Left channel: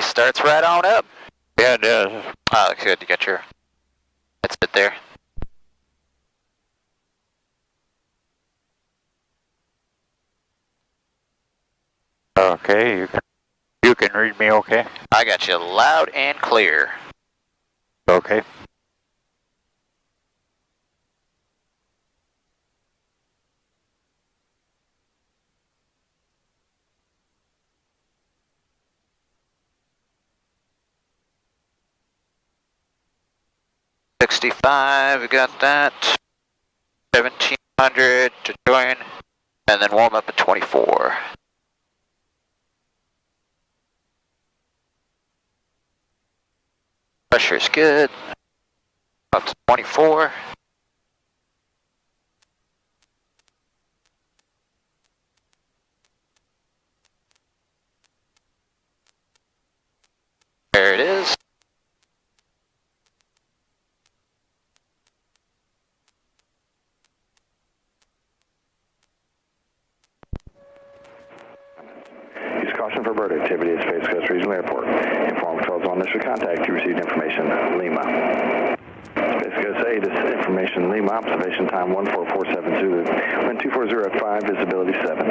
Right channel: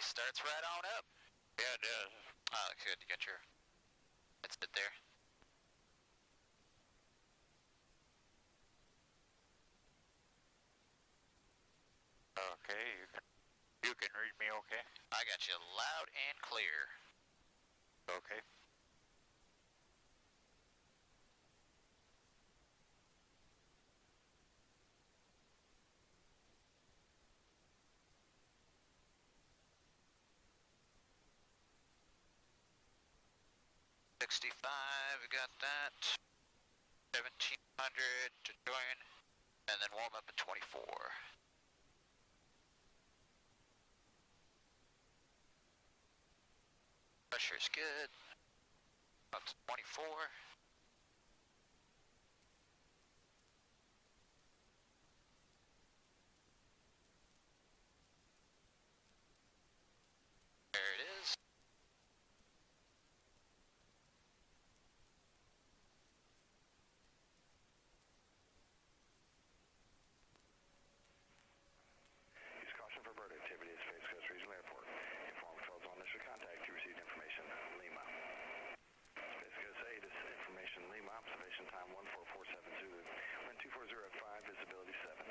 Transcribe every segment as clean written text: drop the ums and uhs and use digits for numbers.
Space starts right on up. Yeah, it does. Oh, looks good. You got your. That's it there. Okay, you can read me okay? I got you loud and clear. Okay. $65, we got that. 1700 to join, and then warm up at 24. Pressure's good. Up to 24. There it is. Use caution for bird activity at Space Coast Regional Airport. Inform controls on initial contact. You received information, Lima. Space Coast 8 is information, Lima. Observation time 14470 Zulu. Wind 240 at 5, visibility 7.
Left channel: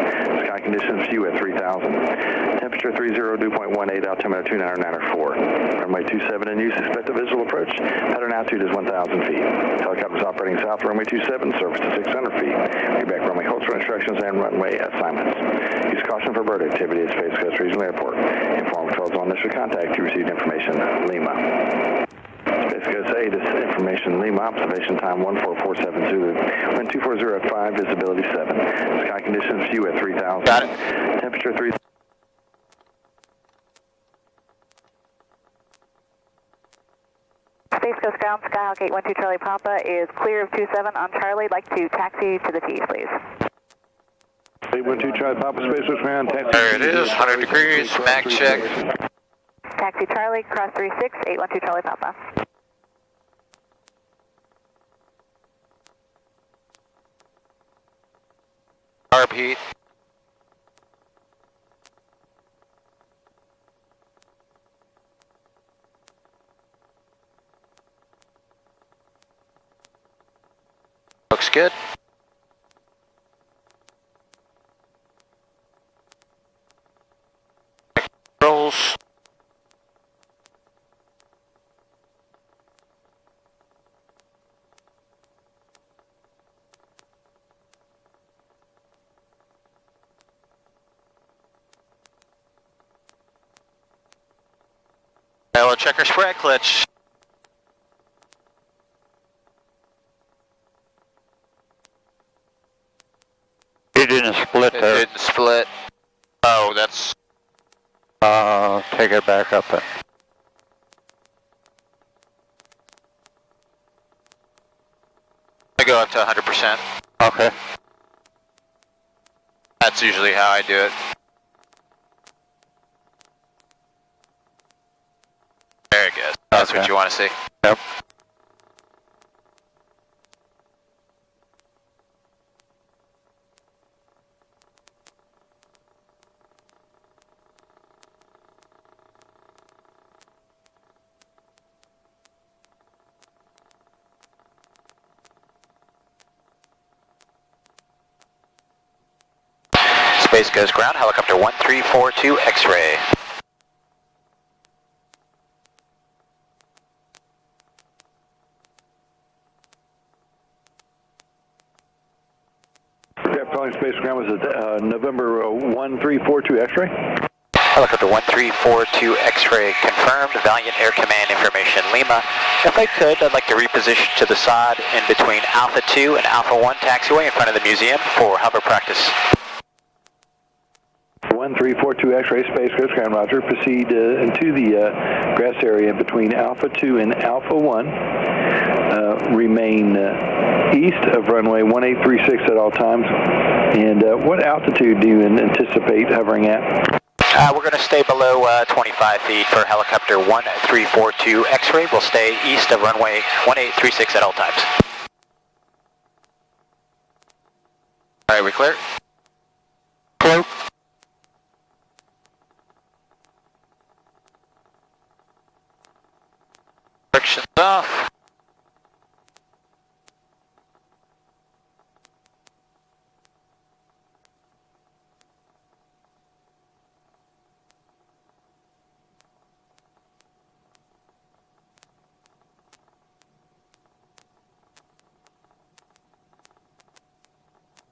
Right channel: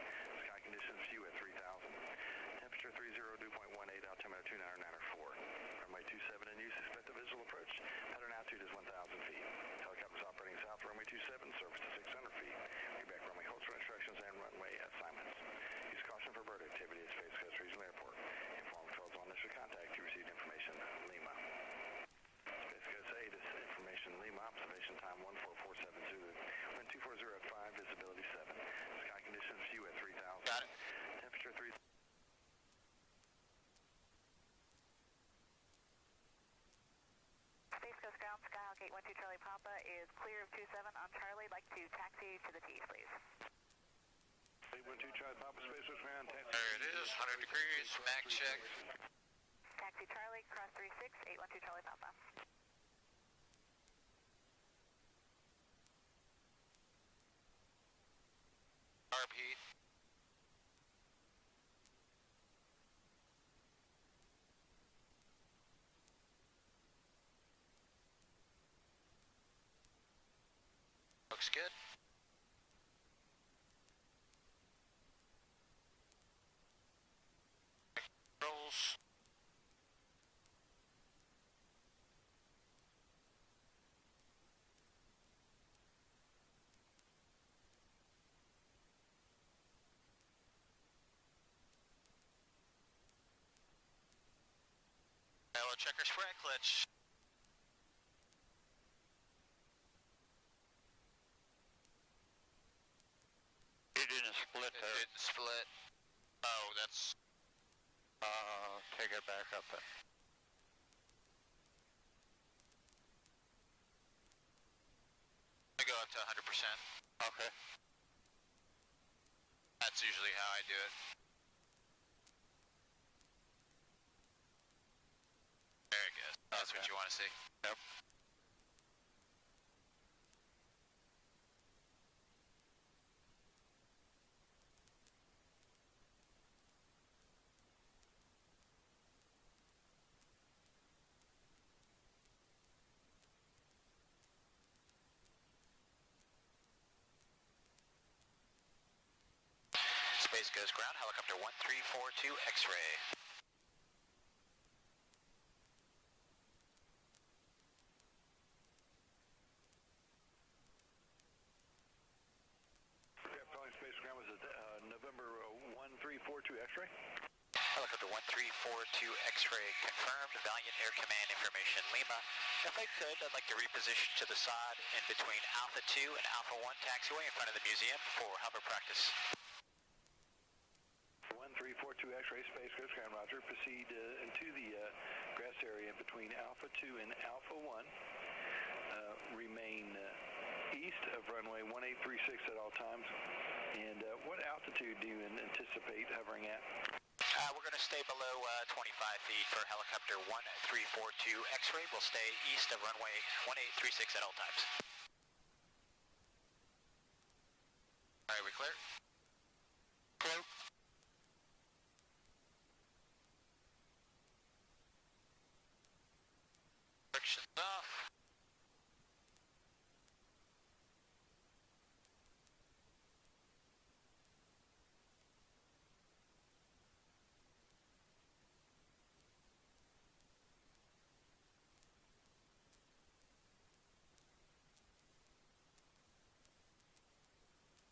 Sky conditions view at 3000. Temperature 30, dew point 18, altimeter 299 Runway 27 in use. Expect a visual approach. Pattern altitude is 1,000 feet. Helicopters operating south, runway 27, surface to 600 feet. Feedback runway holds for instructions and runway assignments. Use caution for bird activity at Space Coast Regional Airport. Inform controls on initial contact. You received information, Lima. Space Coast 8 is information, Lima. Observation time 14470 Zulu. Wind 240 at 5, visibility 7. Sky conditions view at 3000. Got it. Temperature 3. Space Coast Ground, Skyhawk 812 Charlie Papa is clear of 27 on Charlie. Like to taxi to the T, please. 812 Charlie Papa, Space Coast Ground, taxi. There it is, 100 degrees, mag check. Taxi Charlie, cross 36, 812 Charlie Papa. Carb heat. Looks good. Controls. Now we'll check our spread clutch. It didn't split It there. didn't split. Oh, that's. Take it back up then. I go up to 100%. Okay. That's usually how I do it. Very good. That's Okay. what you want to see. Yep. Space Coast Ground, helicopter 1342 X-ray. Calling Space Ground was at November 1342 X-ray. Helicopter 1342 X-ray confirmed. Valiant Air Command information, Lima. If I could, I'd like to reposition to the side in between Alpha 2 and Alpha 1 taxiway in front of the museum for hover practice. 1342 X-ray, Space Coast Ground, roger. Proceed into the grass area between Alpha 2 and Alpha 1. Remain east of runway 1836 at all times. And what altitude do you anticipate hovering at? We're going to stay below 25 feet for helicopter 1342 X-ray. We'll stay east of runway 1836 at all times. All right, we clear? Clear. Friction's off.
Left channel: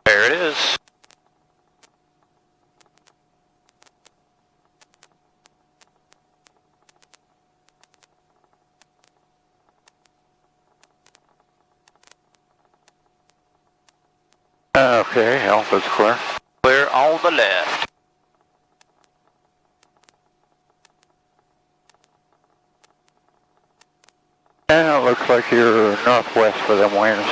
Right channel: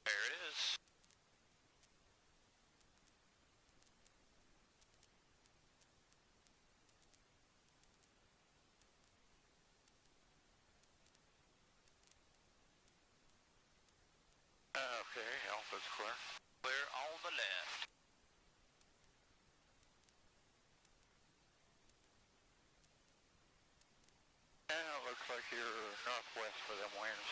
There it is. Okay, Alpha's clear. Clear on the left. And it looks like you're northwest for them winds.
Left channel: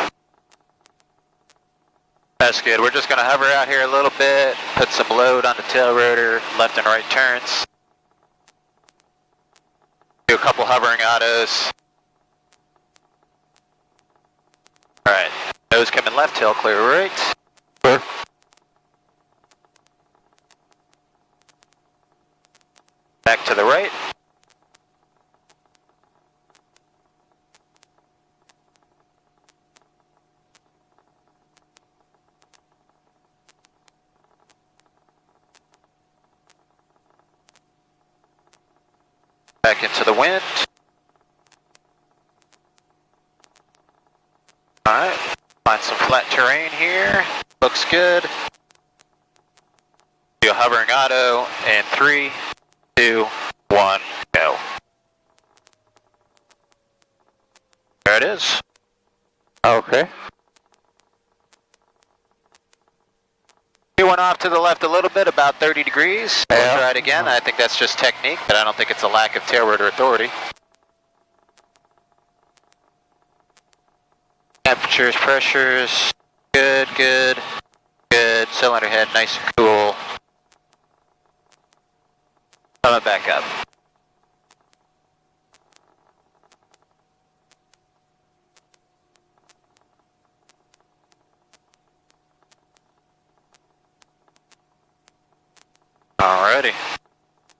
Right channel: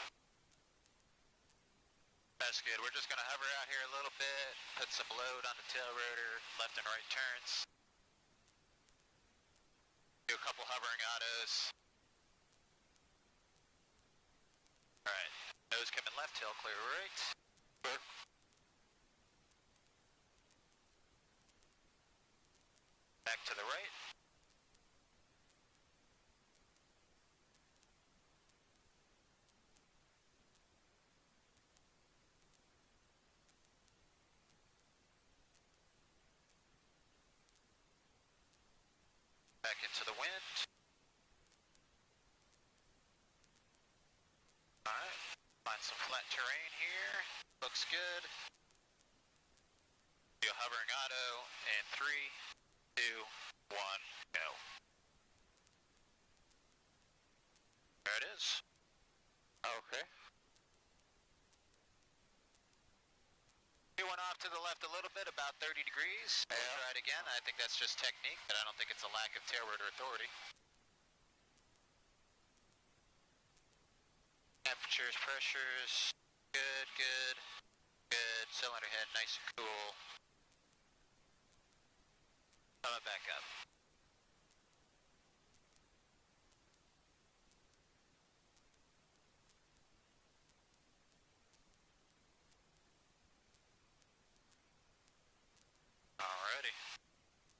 That's good. We're just going to hover out here a little bit, put some load on the tail rotor, left and right turns. Do a couple hovering autos. Alright, nose coming left, tail clear right. Clear. Back to the right. Back into the wind. Alright, find some flat terrain here. Looks good. Do a hovering auto in 3, 2, 1, go. There it is. Okay. We went off to the left a little bit, about 30 degrees. We'll Yeah. try it again. I think that's just technique, but I don't think it's a lack of tail rotor authority. Temperatures, pressures, good, good, good. Cylinder head, nice and cool. Coming back up. Alrighty.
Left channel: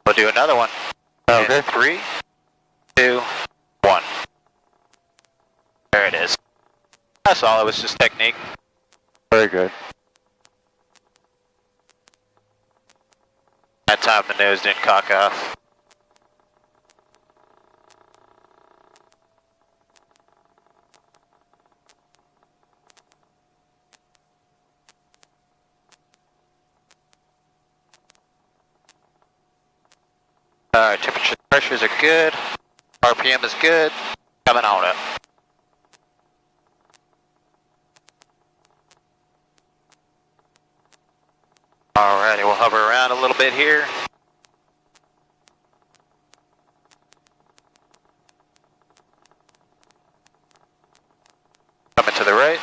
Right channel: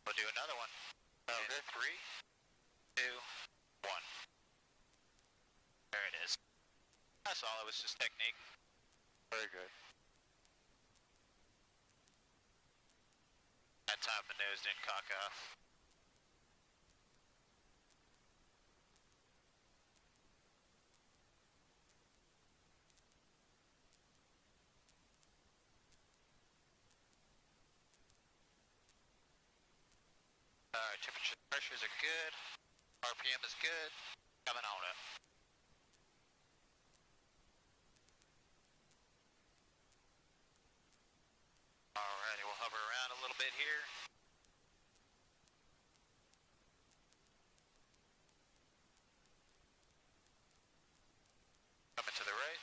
We'll do another one. Okay. In 3, 2, 1. There it is. That's all. It was just technique. Very good. That time the nose didn't cock off. Alright, temperature pressures are good. RPM is good. Coming on up. Alrighty, we'll hover around a little bit here. Coming to the right.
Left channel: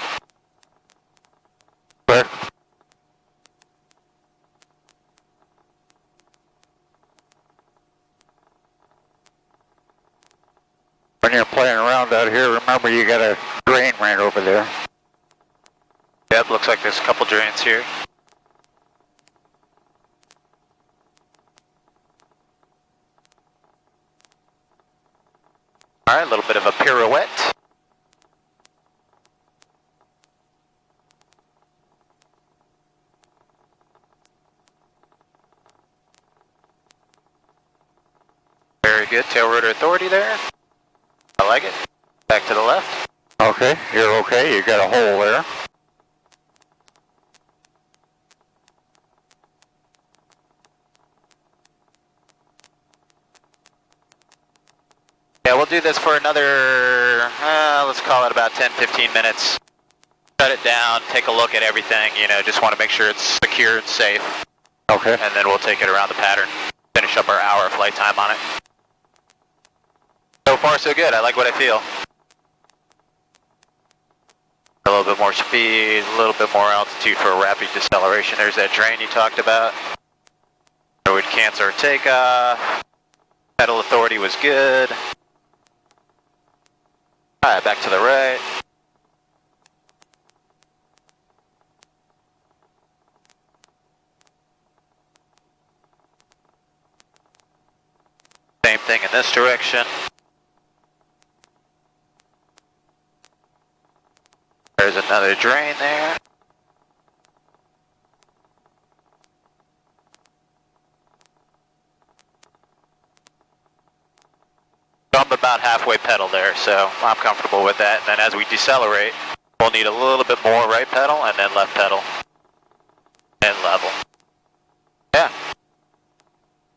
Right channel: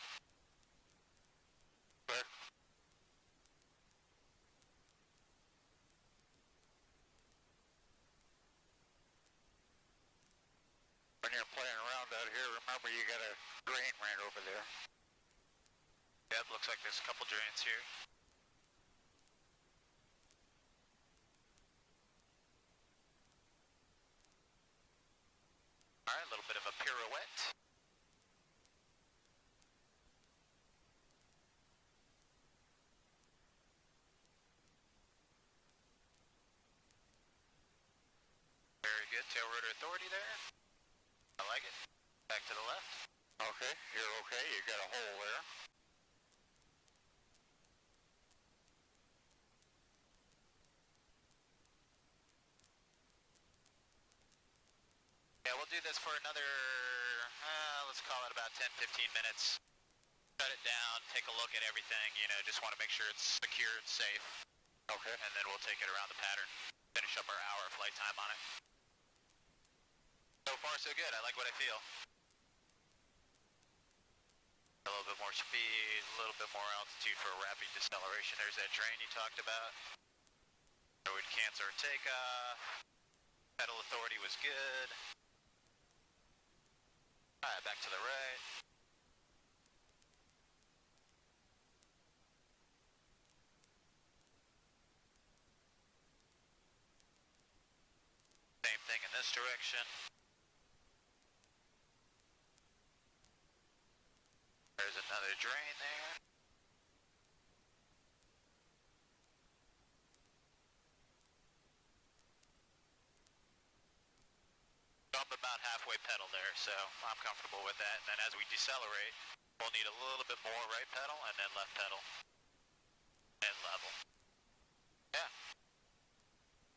Clear. When you're playing around out here, remember you got a drain right over there. Yep, looks like there's a couple drains here. Alright, a little bit of a pirouette. Very good, tail rotor authority there. I like it. Back to the left. Okay, you're okay. You got a hole there. Yeah, we'll do this for another, let's call it about 10-15 minutes. Shut it down, take a look at everything, you know, just want to make sure it's secure and safe. Okay. And then we'll take it around the pattern, finish up our hour of flight time on it. So far so good, I like what I feel. A little bit more speed, a little bit more altitude for a rapid deceleration. There's that drain you talked about. So we'd cancel our takeoff. Pedal authority was good. Alright, back to the right. Same thing in this direction. There's another drain there. So I'm about halfway pedal there, so I'm comfortable with that. And then as we decelerate, we'll need a little bit more right pedal and then left pedal. And level. Yeah.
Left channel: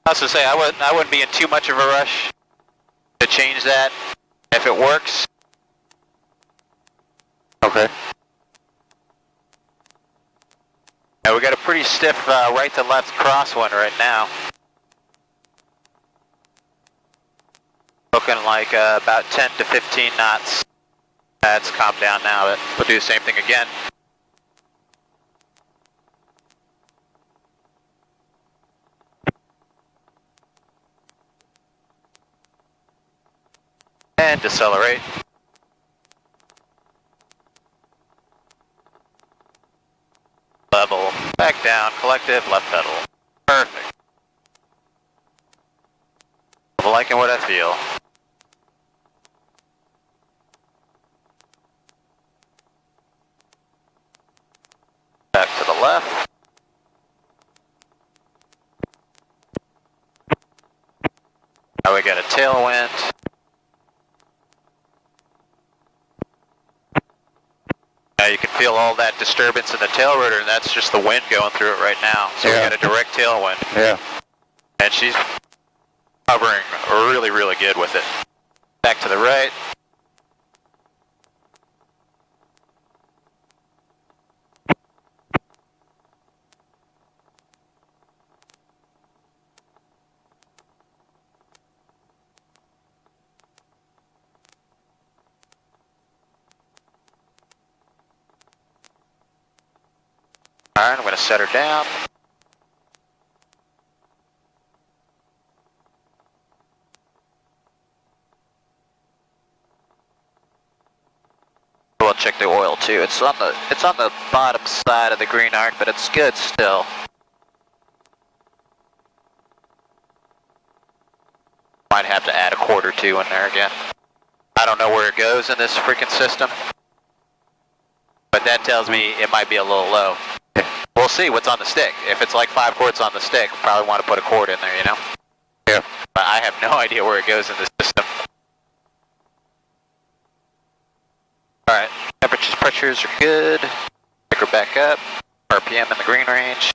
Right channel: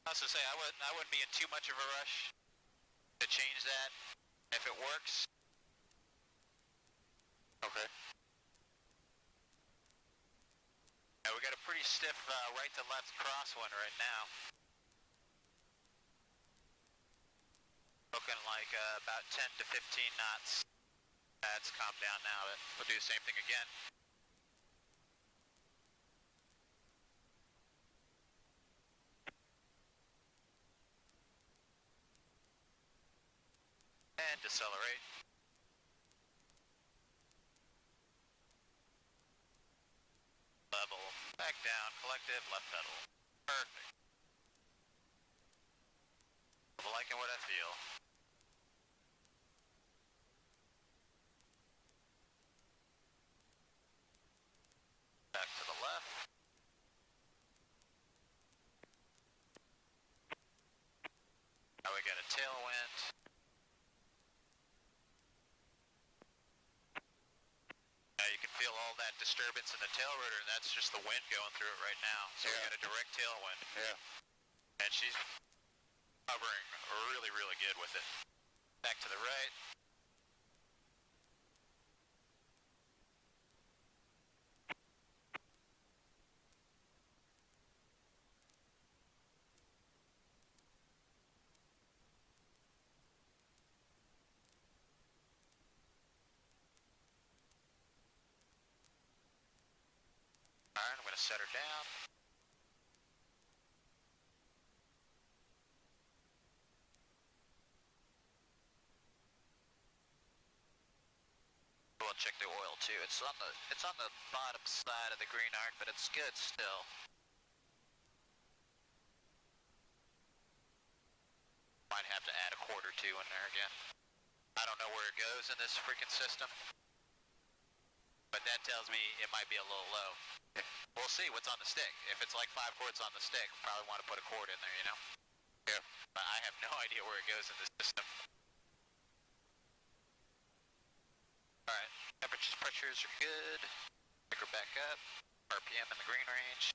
I was to say, I wouldn't be in too much of a rush to change that if it works. Okay. Yeah, we got a pretty stiff right to left crosswind right now. Looking like about 10 to 15 knots. That's calmed down now, but we'll do the same thing again. And decelerate. Level, back down, collective, left pedal. Perfect. I'm liking what I feel. Back to the left. Now we got a tailwind. Now you can feel all that disturbance in the tail rotor, and that's just the wind going through it right now. So Yeah. we got a direct tailwind. Yeah. And she's hovering really, really good with it. Back to the right. All right, I'm going to set her down. We'll check the oil too. It's on the bottom side of the green arc, but it's good still. Might have to add a quart or two in there again. I don't know where it goes in this freaking system, but that tells me it might be a little low. We'll see what's on the stick. If it's like 5 quarts on the stick, we'll probably want to put a quart in there, you know? Yeah. But I have no idea where it goes in the system. Alright, temperatures, pressures are good. Pick her back up. RPM in the green range.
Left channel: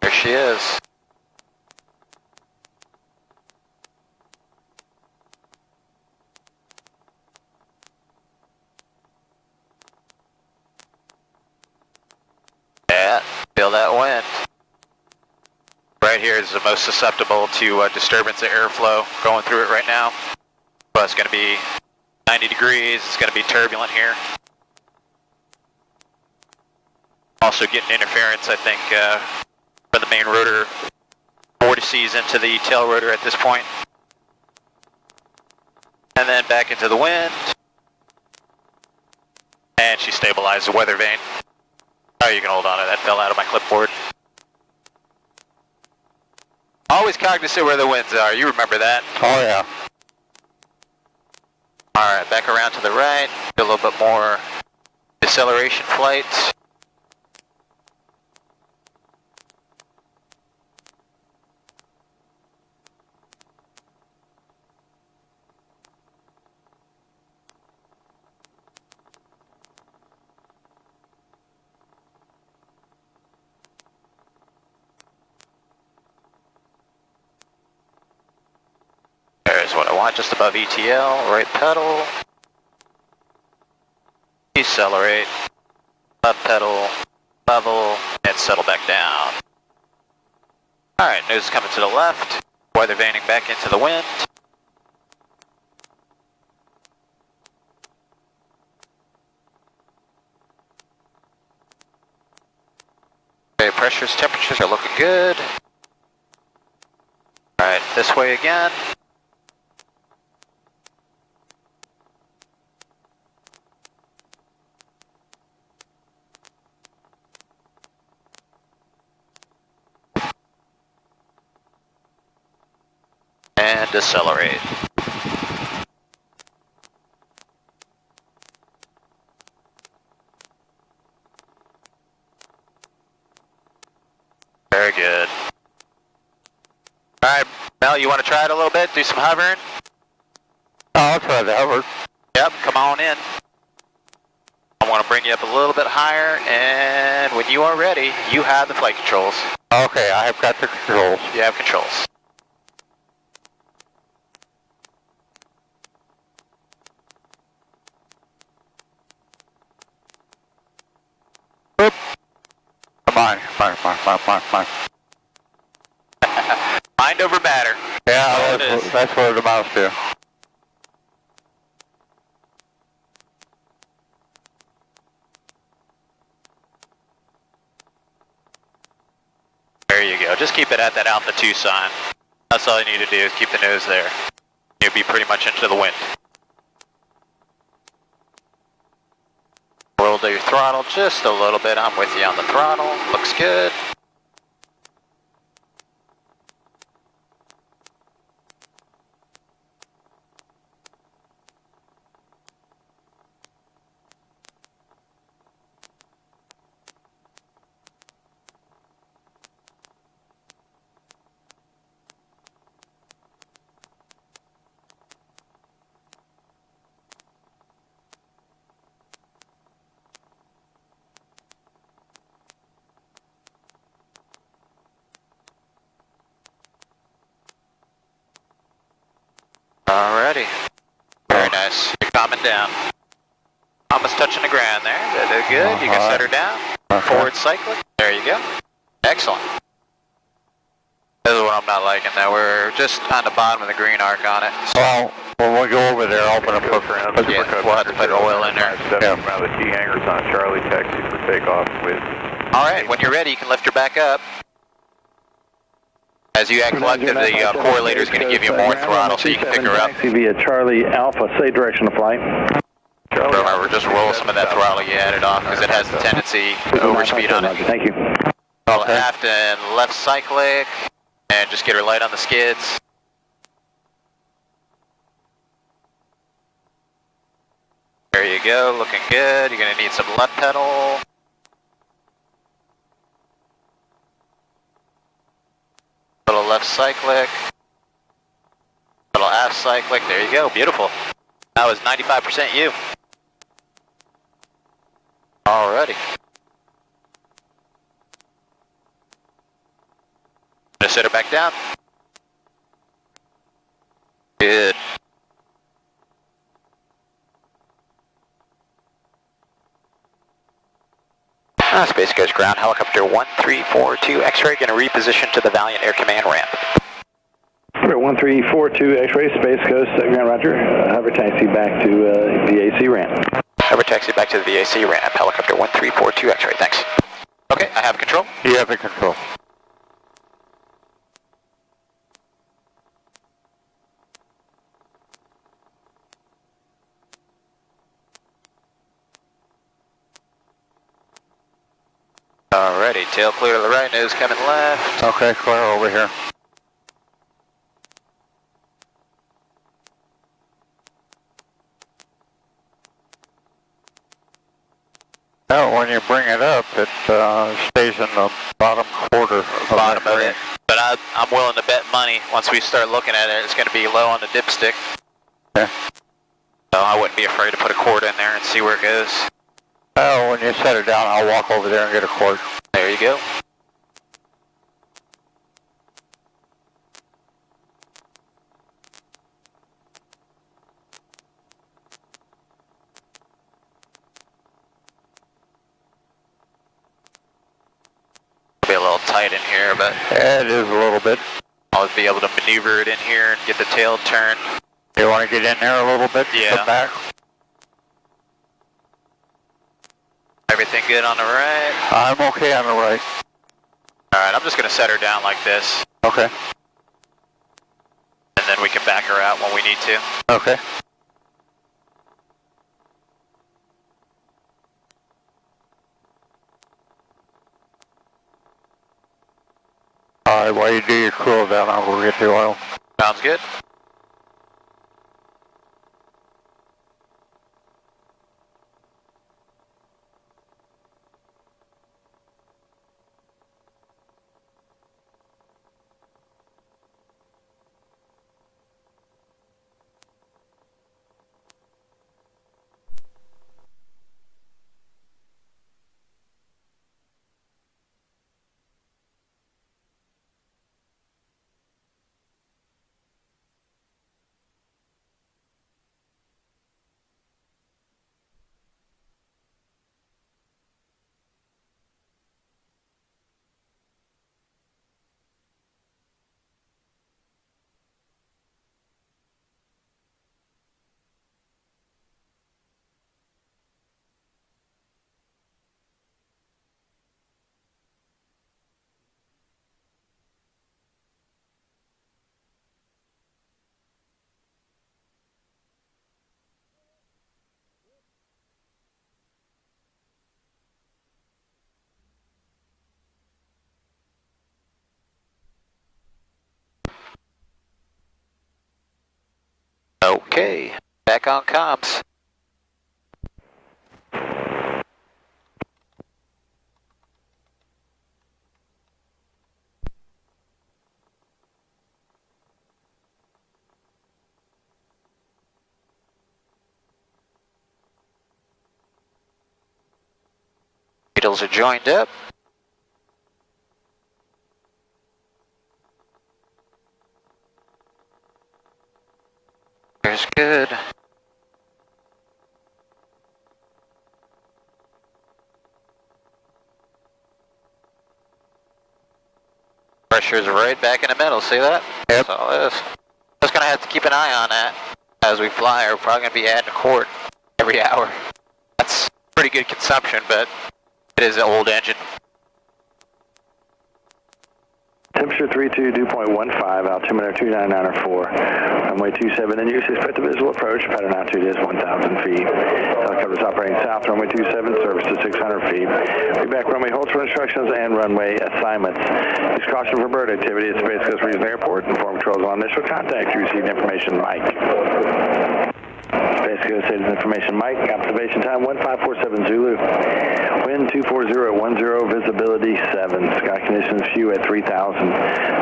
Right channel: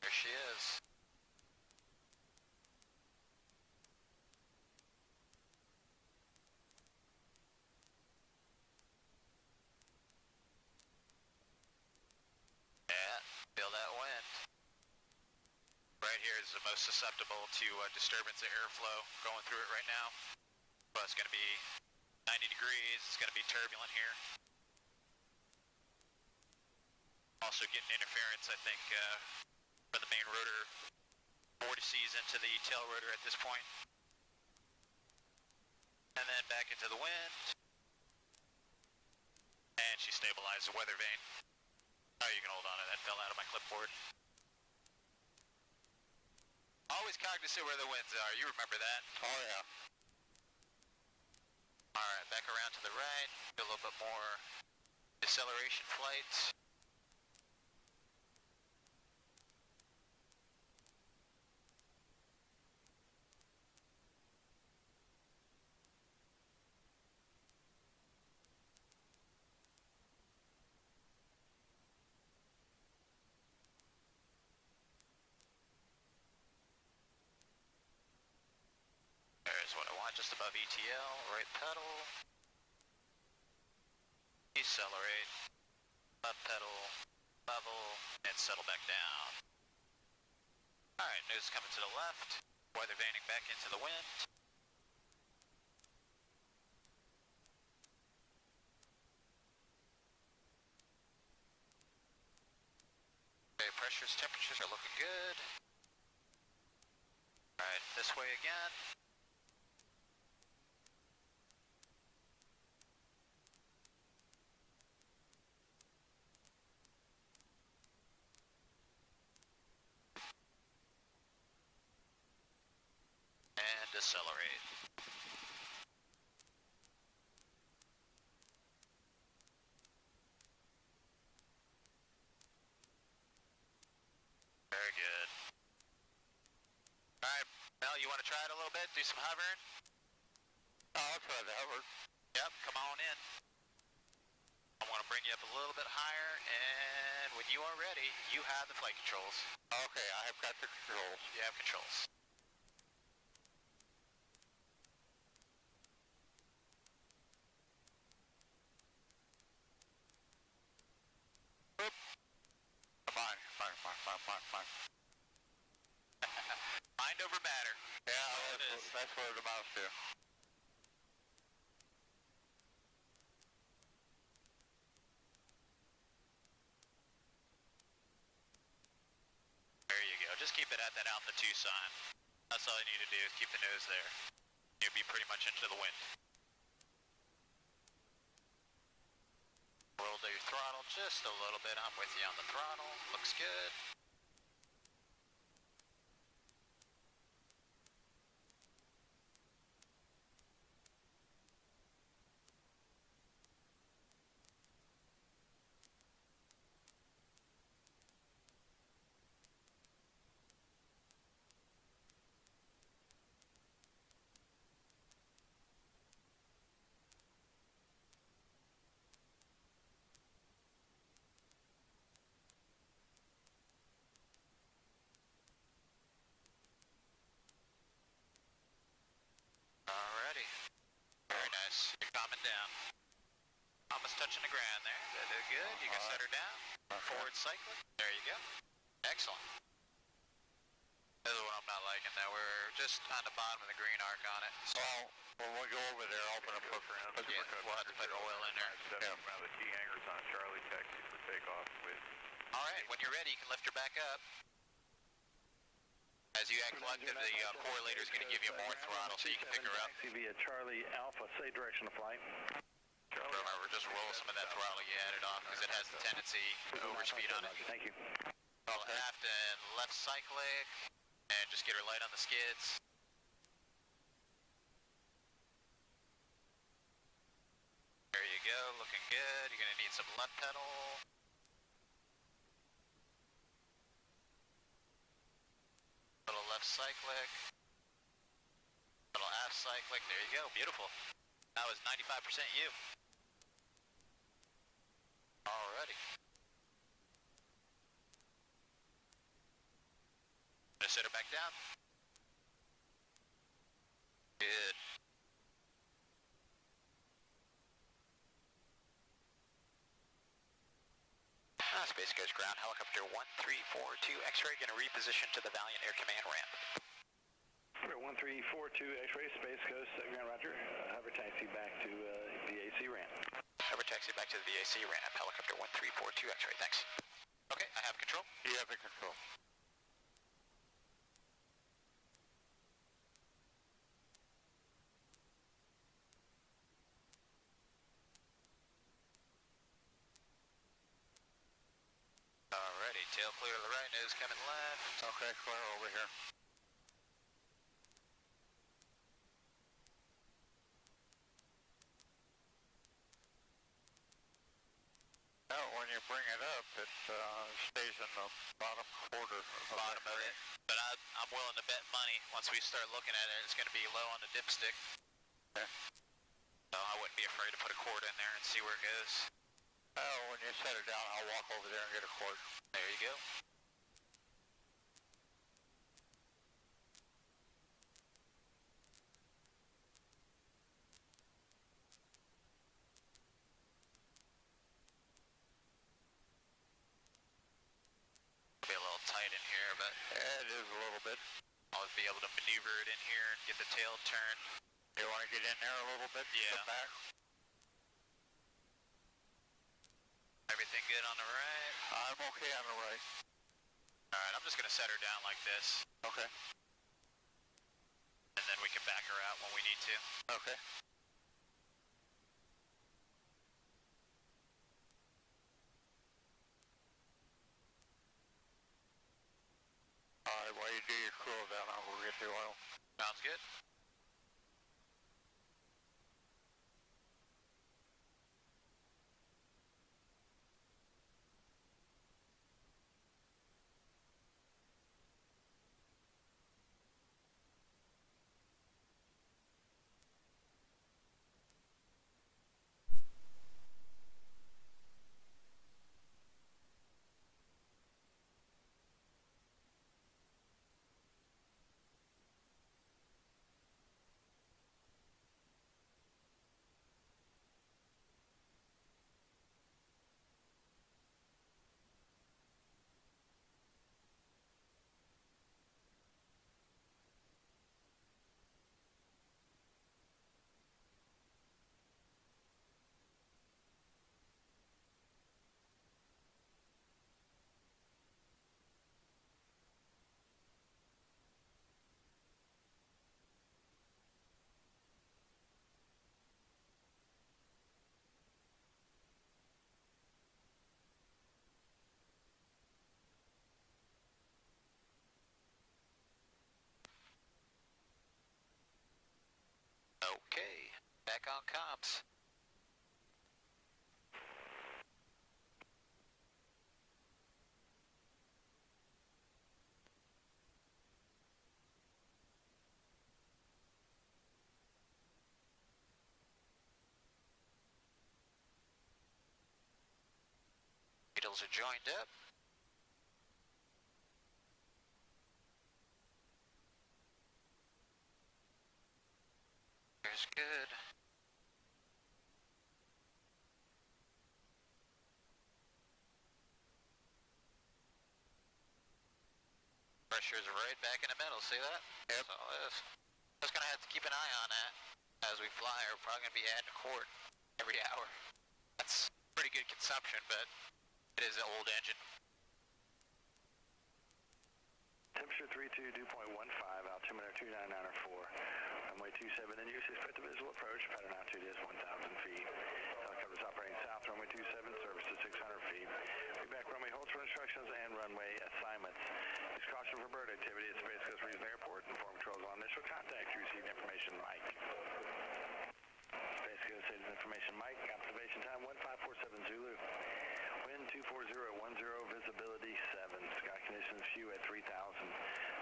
There she is. Yeah, feel that wind. Right here is the most susceptible to disturbance of airflow going through it right now. But it's going to be 90 degrees, it's going to be turbulent here. Also getting interference, I think, from the main rotor vortices into the tail rotor at this point. And then back into the wind. And she stabilized the weather vane. Oh, you can hold on to that, fell out of my clipboard. Always cognizant where the winds are, you remember that. Oh, yeah. Alright, back around to the right, do a little bit more deceleration flight. There's what I want, just above ETL, right pedal. Decelerate, left pedal, level, and settle back down. Alright, nose is coming to the left, weather vaning back into the wind. Okay, pressures, temperatures are looking good. Alright, this way again. And decelerate. Very good. All right, Mel, you want to try it a little bit? Do some hovering? I'll try the hover. Yep, come on in. I want to bring you up a little bit higher, and when you are ready, you have the flight controls. Okay, I have got the controls. You have controls. Oop. Come on. Mind over matter. Yeah, It is. that's what it amounts to. There you go. Just keep it at that Alpha 2 sign. That's all you need to do is keep the nose there. You'll be pretty much into the wind. Roll to your throttle just a little bit. I'm with you on the throttle. Looks good. Alrighty. Very nice. You're calming down. Almost touching the ground there. They're good. You can set her down. Forward cycling. There you go. Excellent. This is what I'm not liking though. We're just on the bottom of the green arc on it. Well, when we go over there, open up Yeah, we'll have to put oil in there. Yeah. Around the T hangars on Charlie, taxi for takeoff with... Alright, when you're ready, you can lift her back up. As you act collective, the correlator is going to give you more throttle so you can pick her up. Taxi via Charlie Alpha, say direction of flight. Remember, just roll some of that throttle you added off because it has the tendency to overspeed on it. Thank you. Roll aft and left cyclic, and just get her light on the skids. There you go, looking good. You're going to need some left pedal. Little left cyclic. Little aft cyclic. There you go, beautiful. That was 95% you. Alrighty. Just set her back down. Good. Space Coast ground, helicopter 1342 X-ray, going to reposition to the Valiant Air Command ramp. 1342 X-ray, Space Coast, Grand Roger. Hover taxi back to VAC ramp. Hover taxi back to the VAC ramp, helicopter 1342 X-ray, thanks. Okay, I have control. You have the control. Alrighty, tail clear to the right, nose coming left. Okay, clear over here. Now, when you bring it up, it stays in the bottom quarter of Bottom that of it. range. But I'm willing to bet money, once we start looking at it, it's going to be low on the dipstick. Okay. So I wouldn't be afraid to put a cord in there and see where it goes. Oh, when you set it down, I'll walk over there and get a cord. There you go. Be a little tight in here, but It is a little bit. I'll be able to maneuver it in here and get the tail turned. You want to get in there a little bit? Yeah. Come back? Everything good on the right? I'm okay on the right. Alright, I'm just going to set her down like this, Okay. and then we can back her out when we need to. Okay. All right, while you do your cool down, I'll go get the oil. Sounds good. Okay, back on comms. Needles are joined up. There's good. Pressure's right back in the middle, see that? Yep. That's all it is. Just gonna have to keep an eye on that as we fly. We're probably gonna be adding a quart every hour. That's pretty good consumption, but it is an old engine. Temperature 32, dew point 15, altimeter 29904, runway 27, and use expect a visual approach, pattern altitude is 1,000 feet. Helicopter is operating south, runway 27, service to 600 feet. Be back runway holds for instructions and runway assignments. Use caution for bird activity at Space Coast Regional Airport. Inform controls on initial contact. You received information, Mike. Space Coast Status information, Mike. Observation time 1547 Zulu. Wind 240 at 10, visibility 7. Sky conditions few at 3,000.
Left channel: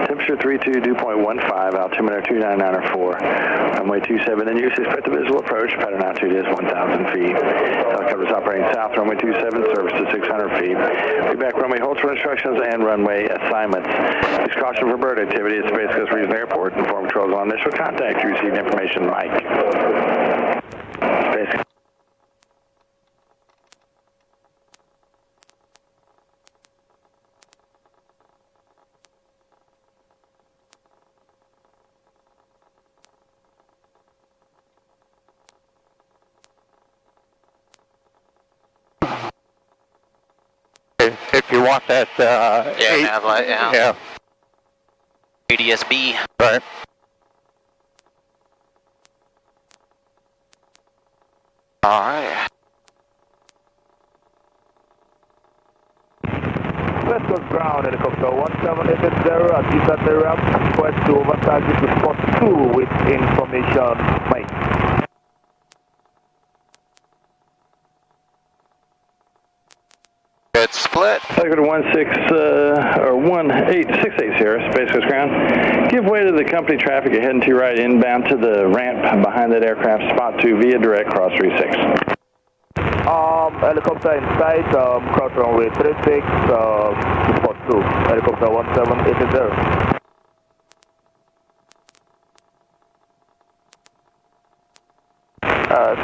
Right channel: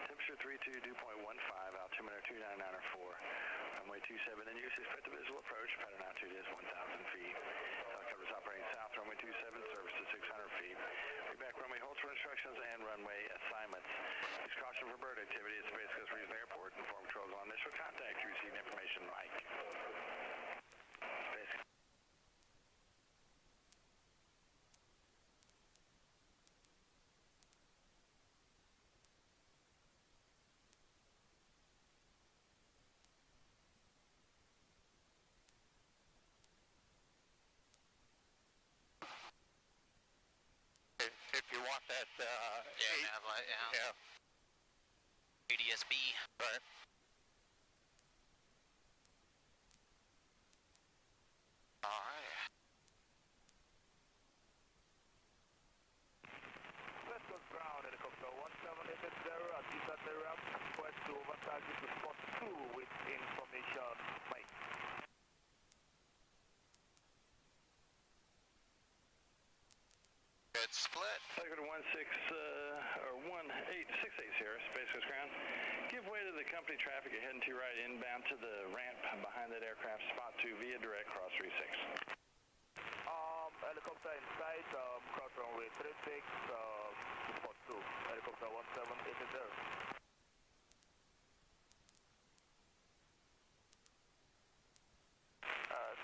Temperature 32, dew point 15, altimeter 29904. Runway 27, and use expect a visual approach. Pattern altitude is 1,000 feet. Helicopter is operating south, runway 27, service to 600 feet. Be back runway holds for instructions and runway assignments. Use caution for bird activity at Space Coast Regional Airport. Inform controls on initial contact. You received information, Mike. Space. If you want that, nav light, yeah, ADS-B. right. All right. West Coast ground, helicopter 1780 at East ramp, request to overtarget to spot 2 with information, Mike. Good split. Helicopter 1868 Sierra, Space Coast ground. Give way to the company traffic ahead and to your right inbound to the ramp behind that aircraft, spot 2 via direct cross 36. Helicopter in sight, cross runway 36, spot 2, helicopter 1780.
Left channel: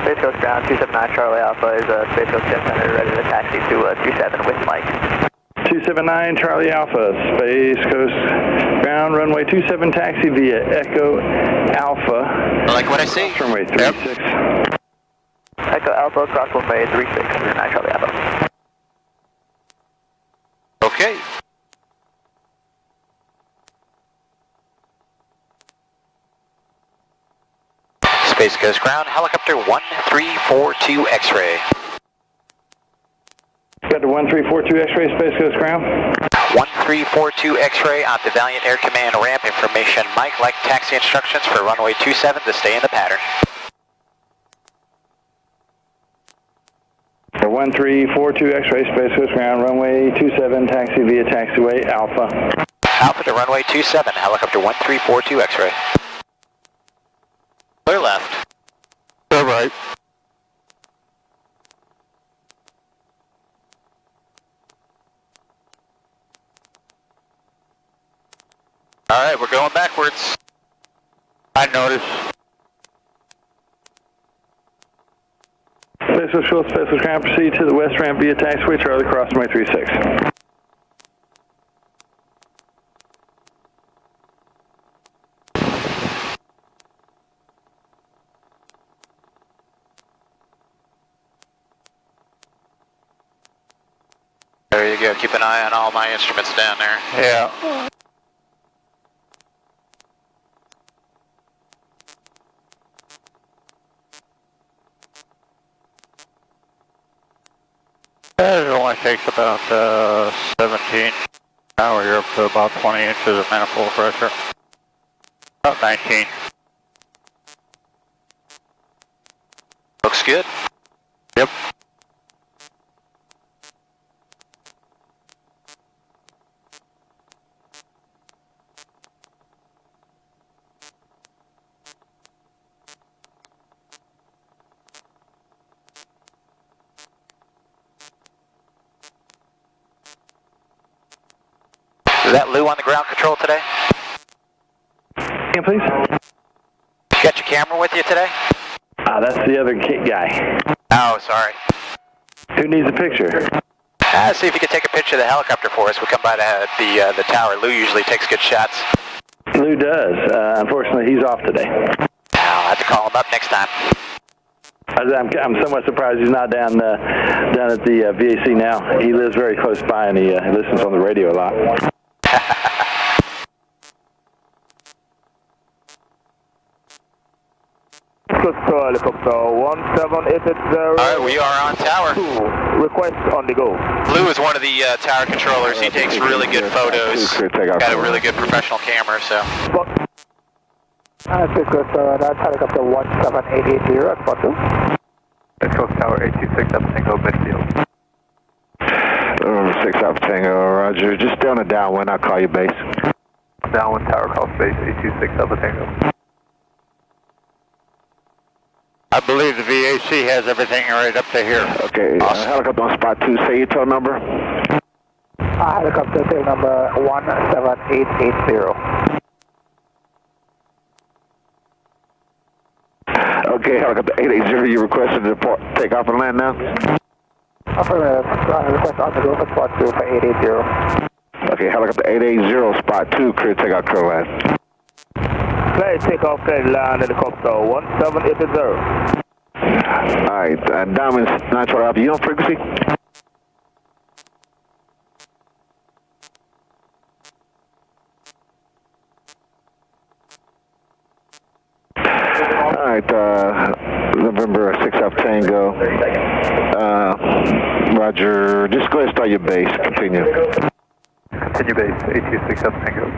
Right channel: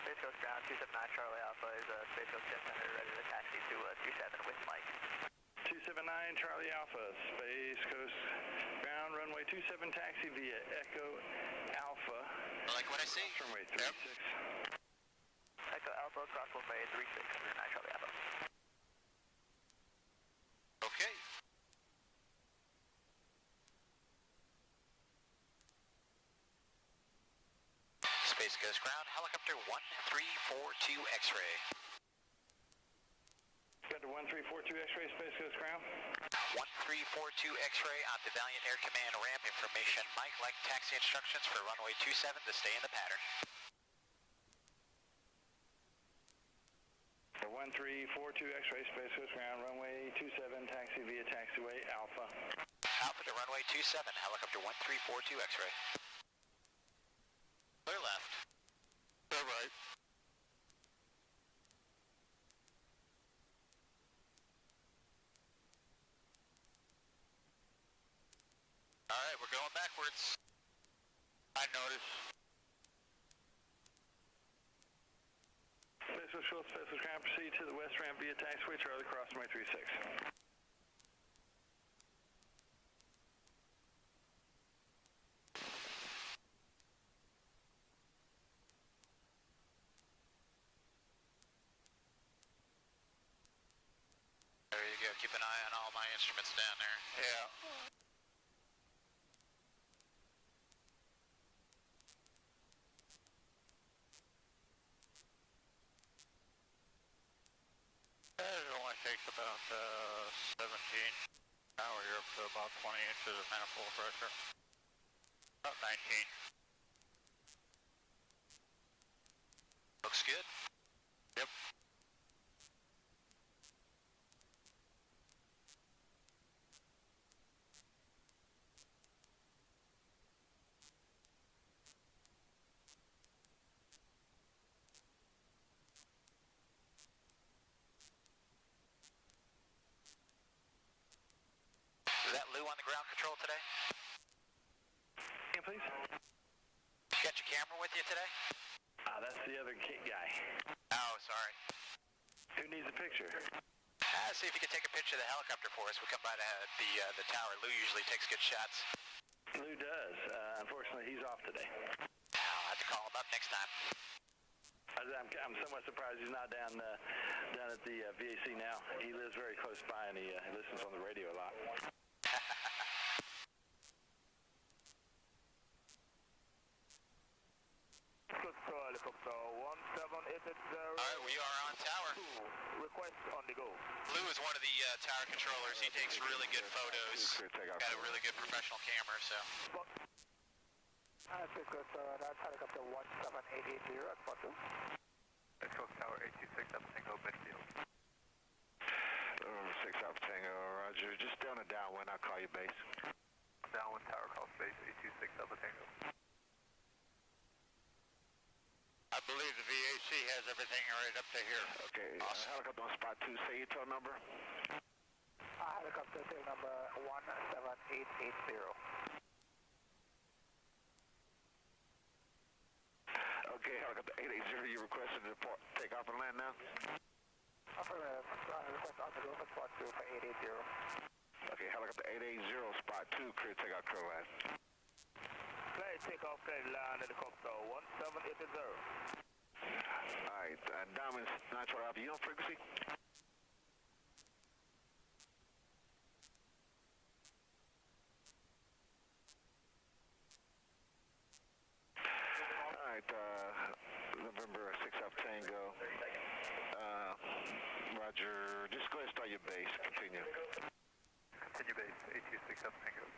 Space Coast ground 279 Charlie Alpha is Space Coast Jet Center ready to taxi to 27 with Mike. 279 Charlie Alpha, Space Coast ground, runway 27 taxi via Echo Alpha. I like what I see. Runway 36. Echo Alpha, cross runway 36, 279 Charlie Alpha. Okay. Space Coast ground, helicopter 1342 X-ray. Got the 1342 X-ray, Space Coast ground. 1342 X-ray on the Valiant Air Command ramp. Information, Mike, like taxi instructions for runway 27 to stay in the pattern. 1342 X-ray, Space Coast ground, runway 27, taxi via taxiway Alpha. Alpha to runway 27, helicopter 1342 X-ray. Clear left. Clear right. All right, we're going backwards. I noticed. Space Coast Fuel, Space Coast ground, proceed to the west ramp via taxiway Charlie, cross runway 36. There you go. Keep an eye on all my instruments down there. Yeah. It only takes about 17. Now you're up to about 20 inches of manifold pressure. About 19. Looks good. Yep. Is that Lou on the ground control today? Can please? You got your camera with you today? That's the other guy. Oh, sorry. Who needs a picture? See if you could take a picture of the helicopter for us. We'll come by the tower. Lou usually takes good shots. Lou does. Unfortunately, he's off today. I'll have to call him up next time. I'm somewhat surprised he's not down at the VAC now. He lives very close by and he listens on the radio a lot. Helicopter 1780. All right, we are on tower. Request on the go. Lou is one of the tower controllers. He takes really good photos. Got a really good professional camera, so. Space Coast that's helicopter 17880 at spot 2. Space Coast Tower 826 up Tango midfield. 6 up Tango, roger. Just down a downwind, I'll call you base. Downwind tower call space 826 up Tango. I believe the VAC has everything right up to here. Okay, Awesome. helicopter on spot 2, say your tail number. Helicopter tail number 17880. Okay, helicopter 880, you requested to depart, take off and land now? Affirmative. Request on the go for spot 2 for 880. Okay, helicopter 880, spot 2, clear takeoff, clear land. Clear takeoff, clear land, helicopter 1780. Alright, Diamond 912 Alpha, you on frequency? Alright, November 6 Alpha Tango. Roger, just go ahead and start your base, continue. Continue base, 826 up Tango.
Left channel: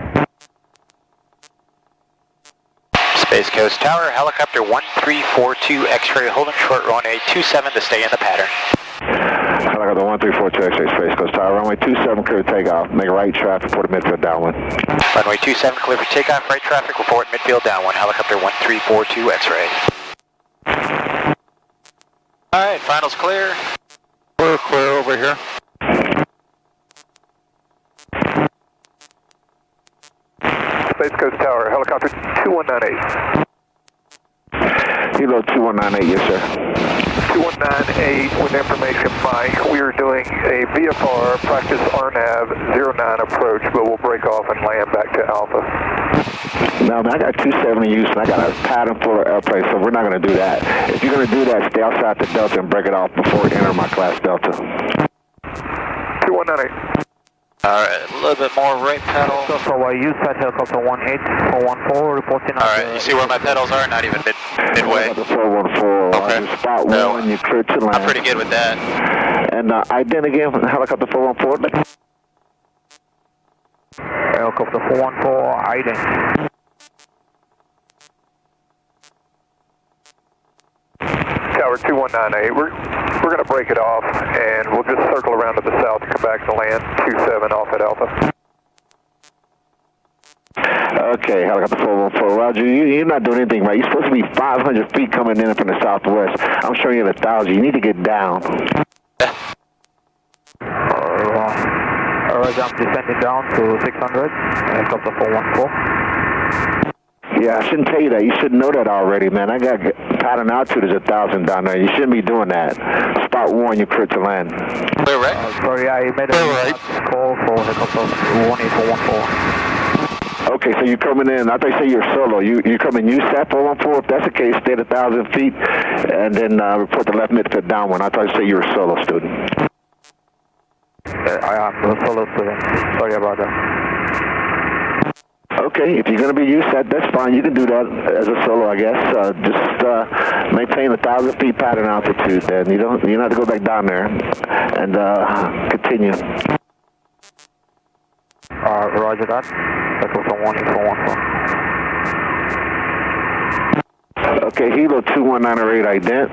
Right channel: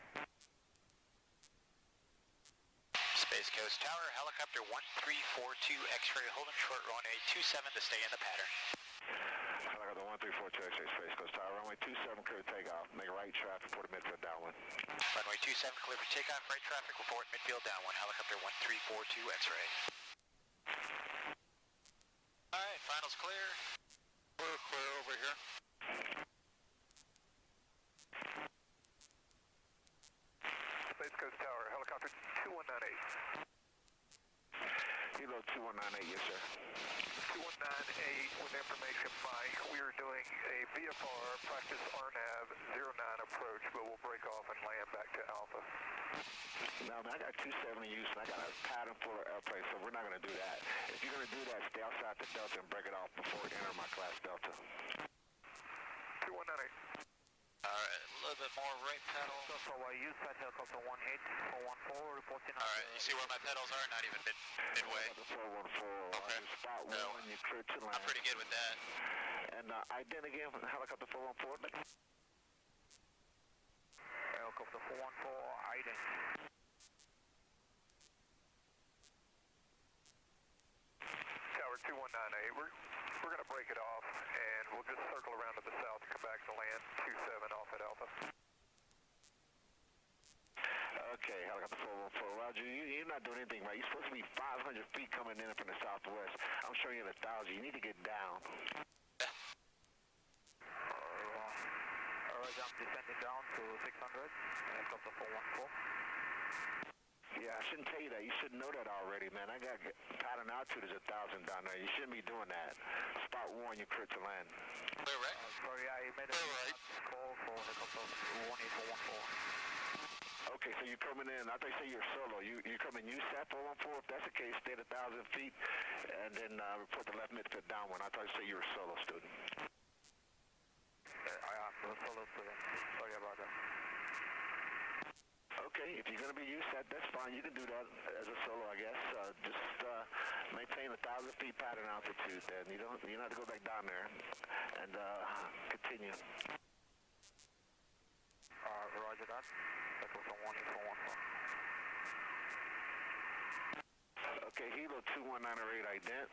Space Coast Tower, helicopter 1342 X-ray, holding short runway 27 to stay in the pattern. Helicopter 1342 X-ray, Space Coast Tower, runway 27, clear takeoff, make right traffic, report midfield downwind. Runway 27 clear for takeoff, right traffic, report midfield downwind, helicopter 1342 X-ray. All right, finals clear. We're clear over here. Space Coast Tower, helicopter 2198. Kilo 2198, yes sir. 2198 with information, Mike. We are doing a VFR practice RNAV 09 approach, but we'll break off and land back to Alpha. No, man, I got 270 use and I got a pattern full of airplanes, so we're not going to do that. If you're going to do that, stay outside the Delta and break it off before we enter my class Delta. 2198. All right, a little bit more right pedal. So for you, set helicopter 18414, reporting on. All right, you see where my pedals are? Not even midway. The 414, Okay. spot No. 1, you're clear to land. I'm pretty good with that. And ident again from helicopter 414. Helicopter 414, idling. Tower 2198, we're going to break it off and we'll just circle around to the south and come back to land 27 off at Alpha. Okay, helicopter 414, Roger, you're not doing anything right. You're supposed to be 500 feet coming in from the southwest. I'm showing you at 1,000. You need to get down. Roger, I'm descending down to 600, helicopter 414. Yeah, I shouldn't tell you that. You should know that already, man. I got pattern altitude is 1,000 down there. You shouldn't be doing that. Spot 1, you're clear to land. Clear right? Sorry, I made a call for helicopter 18414. Okay, so you're coming in. I thought you said you're solo. You come in USAT 414. If that's the case, stay at 1,000 feet, and then report the left midfield downwind. I thought you said you were a solo student. I am a solo student. Sorry about that. Okay, if you're going to be USAT, that's fine. You can do that as a solo, I guess. Just maintain 1,000 feet pattern altitude, then you don't have to go back down there, and continue. Roger that. That was a 18414. Okay, Hilo 21908 ident.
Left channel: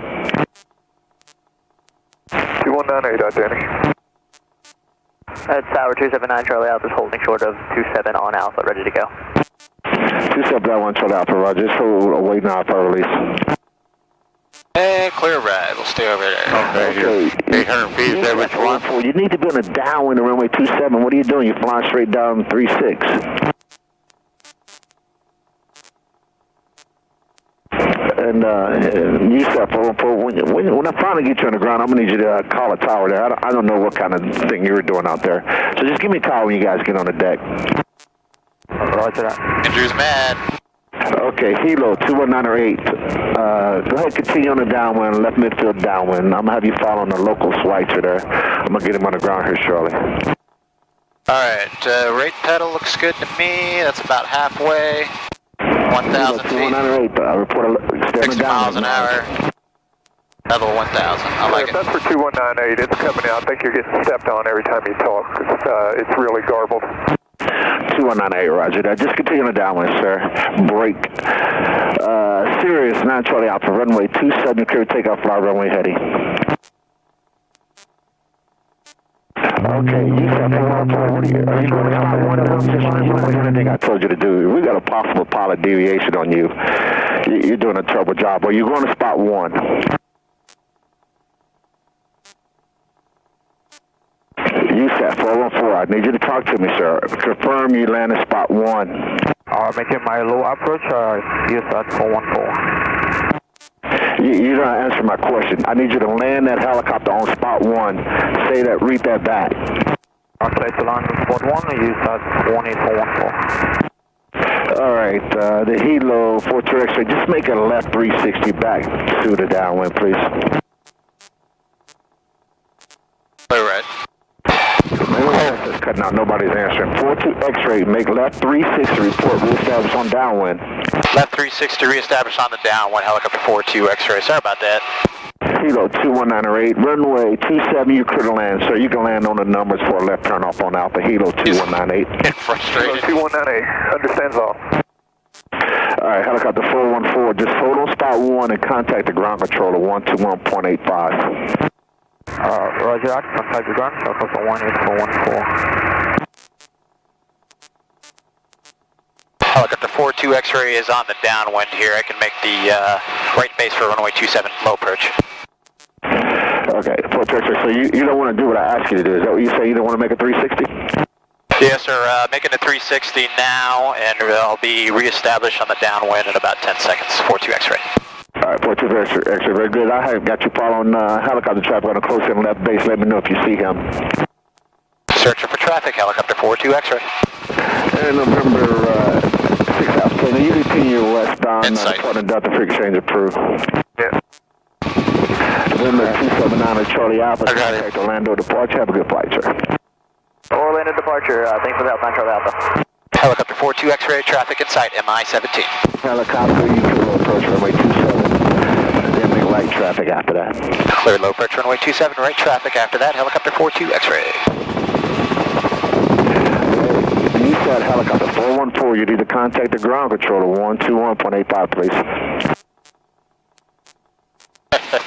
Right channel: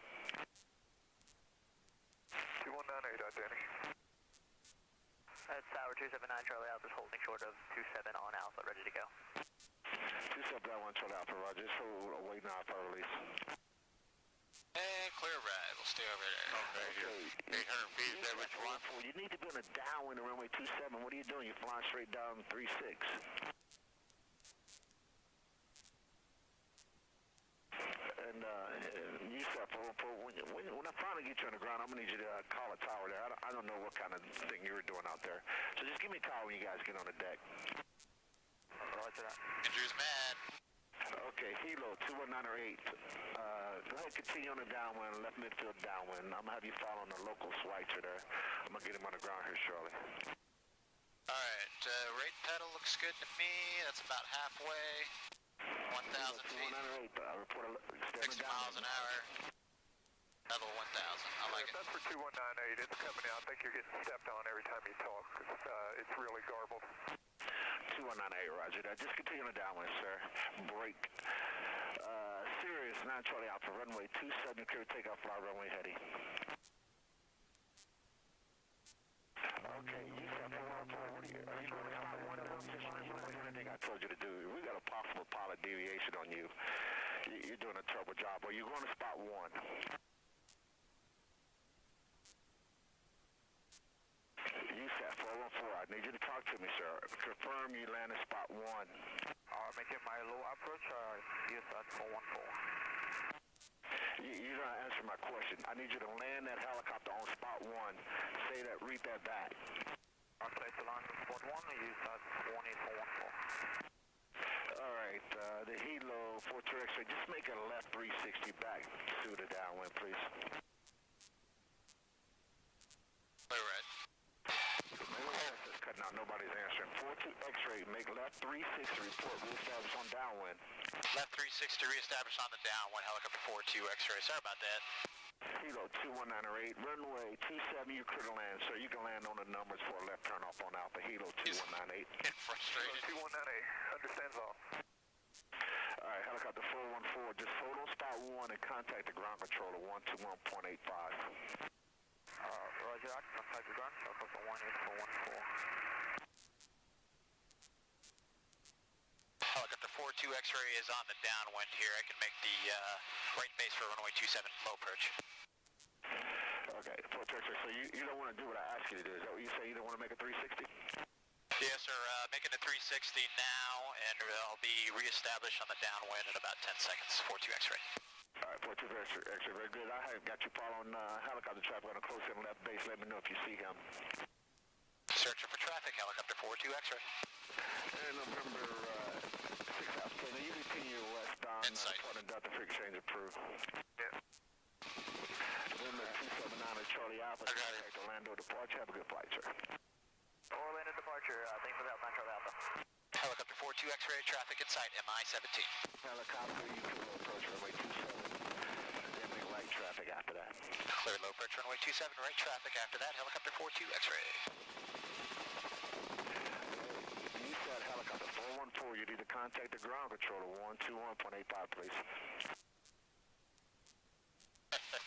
2198 identity. That's Tower 279 Charlie Alpha is holding short of 27 on Alpha, ready to go. 271 Charlie Alpha, Roger. Just waiting out for release. And clear right. We'll stay over there. Okay, 800 feet, is that what you want? You need to be on a downwind of runway 27. What are you doing? You're flying straight down 36. And USAT 414, when I finally get you on the ground, I'm going to need you to call a tower there. I don't know what kind of thing you were doing out there. So just give me a call when you guys get on the deck. Roger that. Andrew's mad. Okay, Hilo 21908. Go ahead, continue on the downwind, left midfield downwind. I'm going to have you follow on the local Schweitzer there. I'm going to get him on the ground here shortly. Alright, rate pedal looks good to me. That's about halfway. 1,000 feet. 21908, report 60 miles an hour. Level 1,000. I like If it. that's for 2198, it's coming out. I think you're getting stepped on every time you talk. It's really garbled. 2198, Roger that. Just continue on the downwind, sir. Break. Sirius 9 Charlie Alpha, runway 27, clear takeoff, fly runway heading. Okay, you said are you going to spot 1 of them? Just you know anything I told you to do. We got a possible pilot deviation on you. You're doing a terrible job. Are you going to spot 1? USAT 414, I need you to talk to me, sir. Confirm you land at spot 1. Making my low approach, USAT 414. You're not answering my question. I need you to land that helicopter on spot 1. Say that, read that back. Okay, to land on spot 1, USAT 18414. All right, the Hilo 42 X-ray, just make a left 360 back to the downwind, please. Clear right. It's cutting out, nobody's answering. 42 X-ray, make left 360, report reestablish on downwind. Left 360 reestablish on the downwind, helicopter 42 X-ray. Sorry about that. Kilo 21908, runway 27, you could land, sir. You can land on the numbers for a left turn off on Alpha, Hilo 2198. Getting frustrated. 2198, understands all. All right, helicopter 414, just hold on spot 1 and contact the ground controller 121.85. Roger that, contact the ground, helicopter 18414. Helicopter 42 X-ray is on the downwind here. I can make the right base for runway 27 low approach. Okay, 42 X-ray, so you don't want to do what I asked you to do. Is that what you say? You don't want to make a 360? Yes, sir. Making a 360 now, and I'll be reestablished on the downwind in about 10 seconds. 42 X-ray. All right, 42 X-ray, very good. I have got you following helicopter traffic on a close in left base. Let me know if you see him. Searching for traffic, helicopter 42 X-ray. And November 6 Alpha, now you continue westbound, Insight. Department Delta Free Exchange approved. Yeah. November 279 Charlie Alpha, I got it. contact Orlando departure. Have a good flight, sir. Orlando departure, thanks for the help, Charlie Alpha. Helicopter 42 X-ray, traffic in sight, MI-17. Helicopter, you can low approach runway 27, then make light traffic after that. Clear low approach runway 27, right traffic after that, helicopter 42 X-ray. control, you need to contact the ground controller, 121.85, please.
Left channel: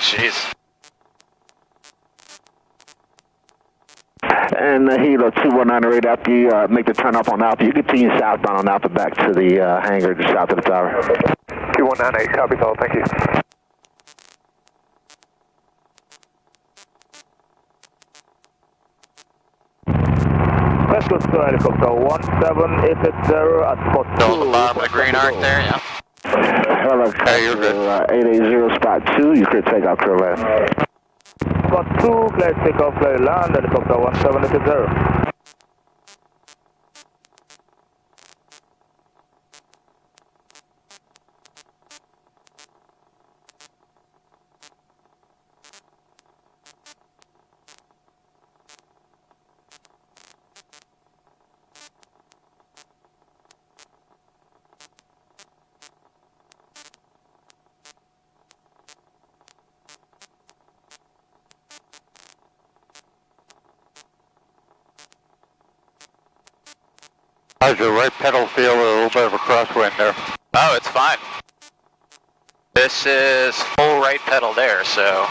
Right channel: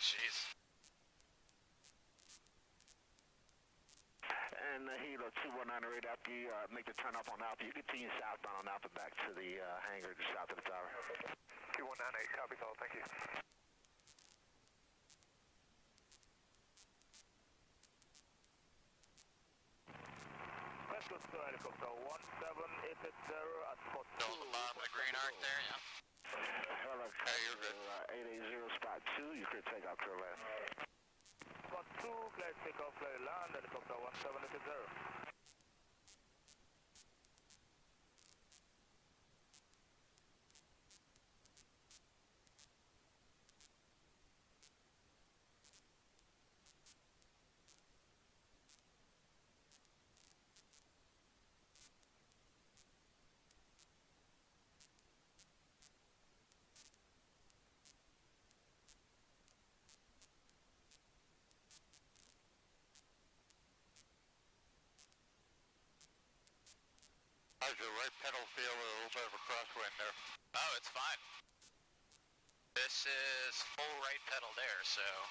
Jeez. And Hilo 2198, after you make the turn up on Alpha, you continue southbound on Alpha back to the hangar just south of the tower. 2198, copies all, thank you. Let's go to helicopter 1780 at spot 2. Still on the bottom of the green arc there, yeah. Helicopter you're good. 880 spot 2, you could take off clear land. Spot 2, clear take off clear land, helicopter 1780. How's your right pedal feel? A little bit of a crosswind there. Oh, it's fine. This is full right pedal there, so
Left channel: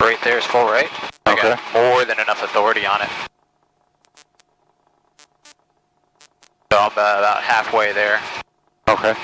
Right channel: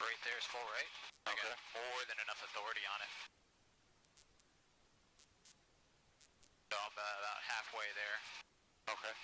right there is full right. I Okay. got more than enough authority on it. So I'm about halfway there. Okay.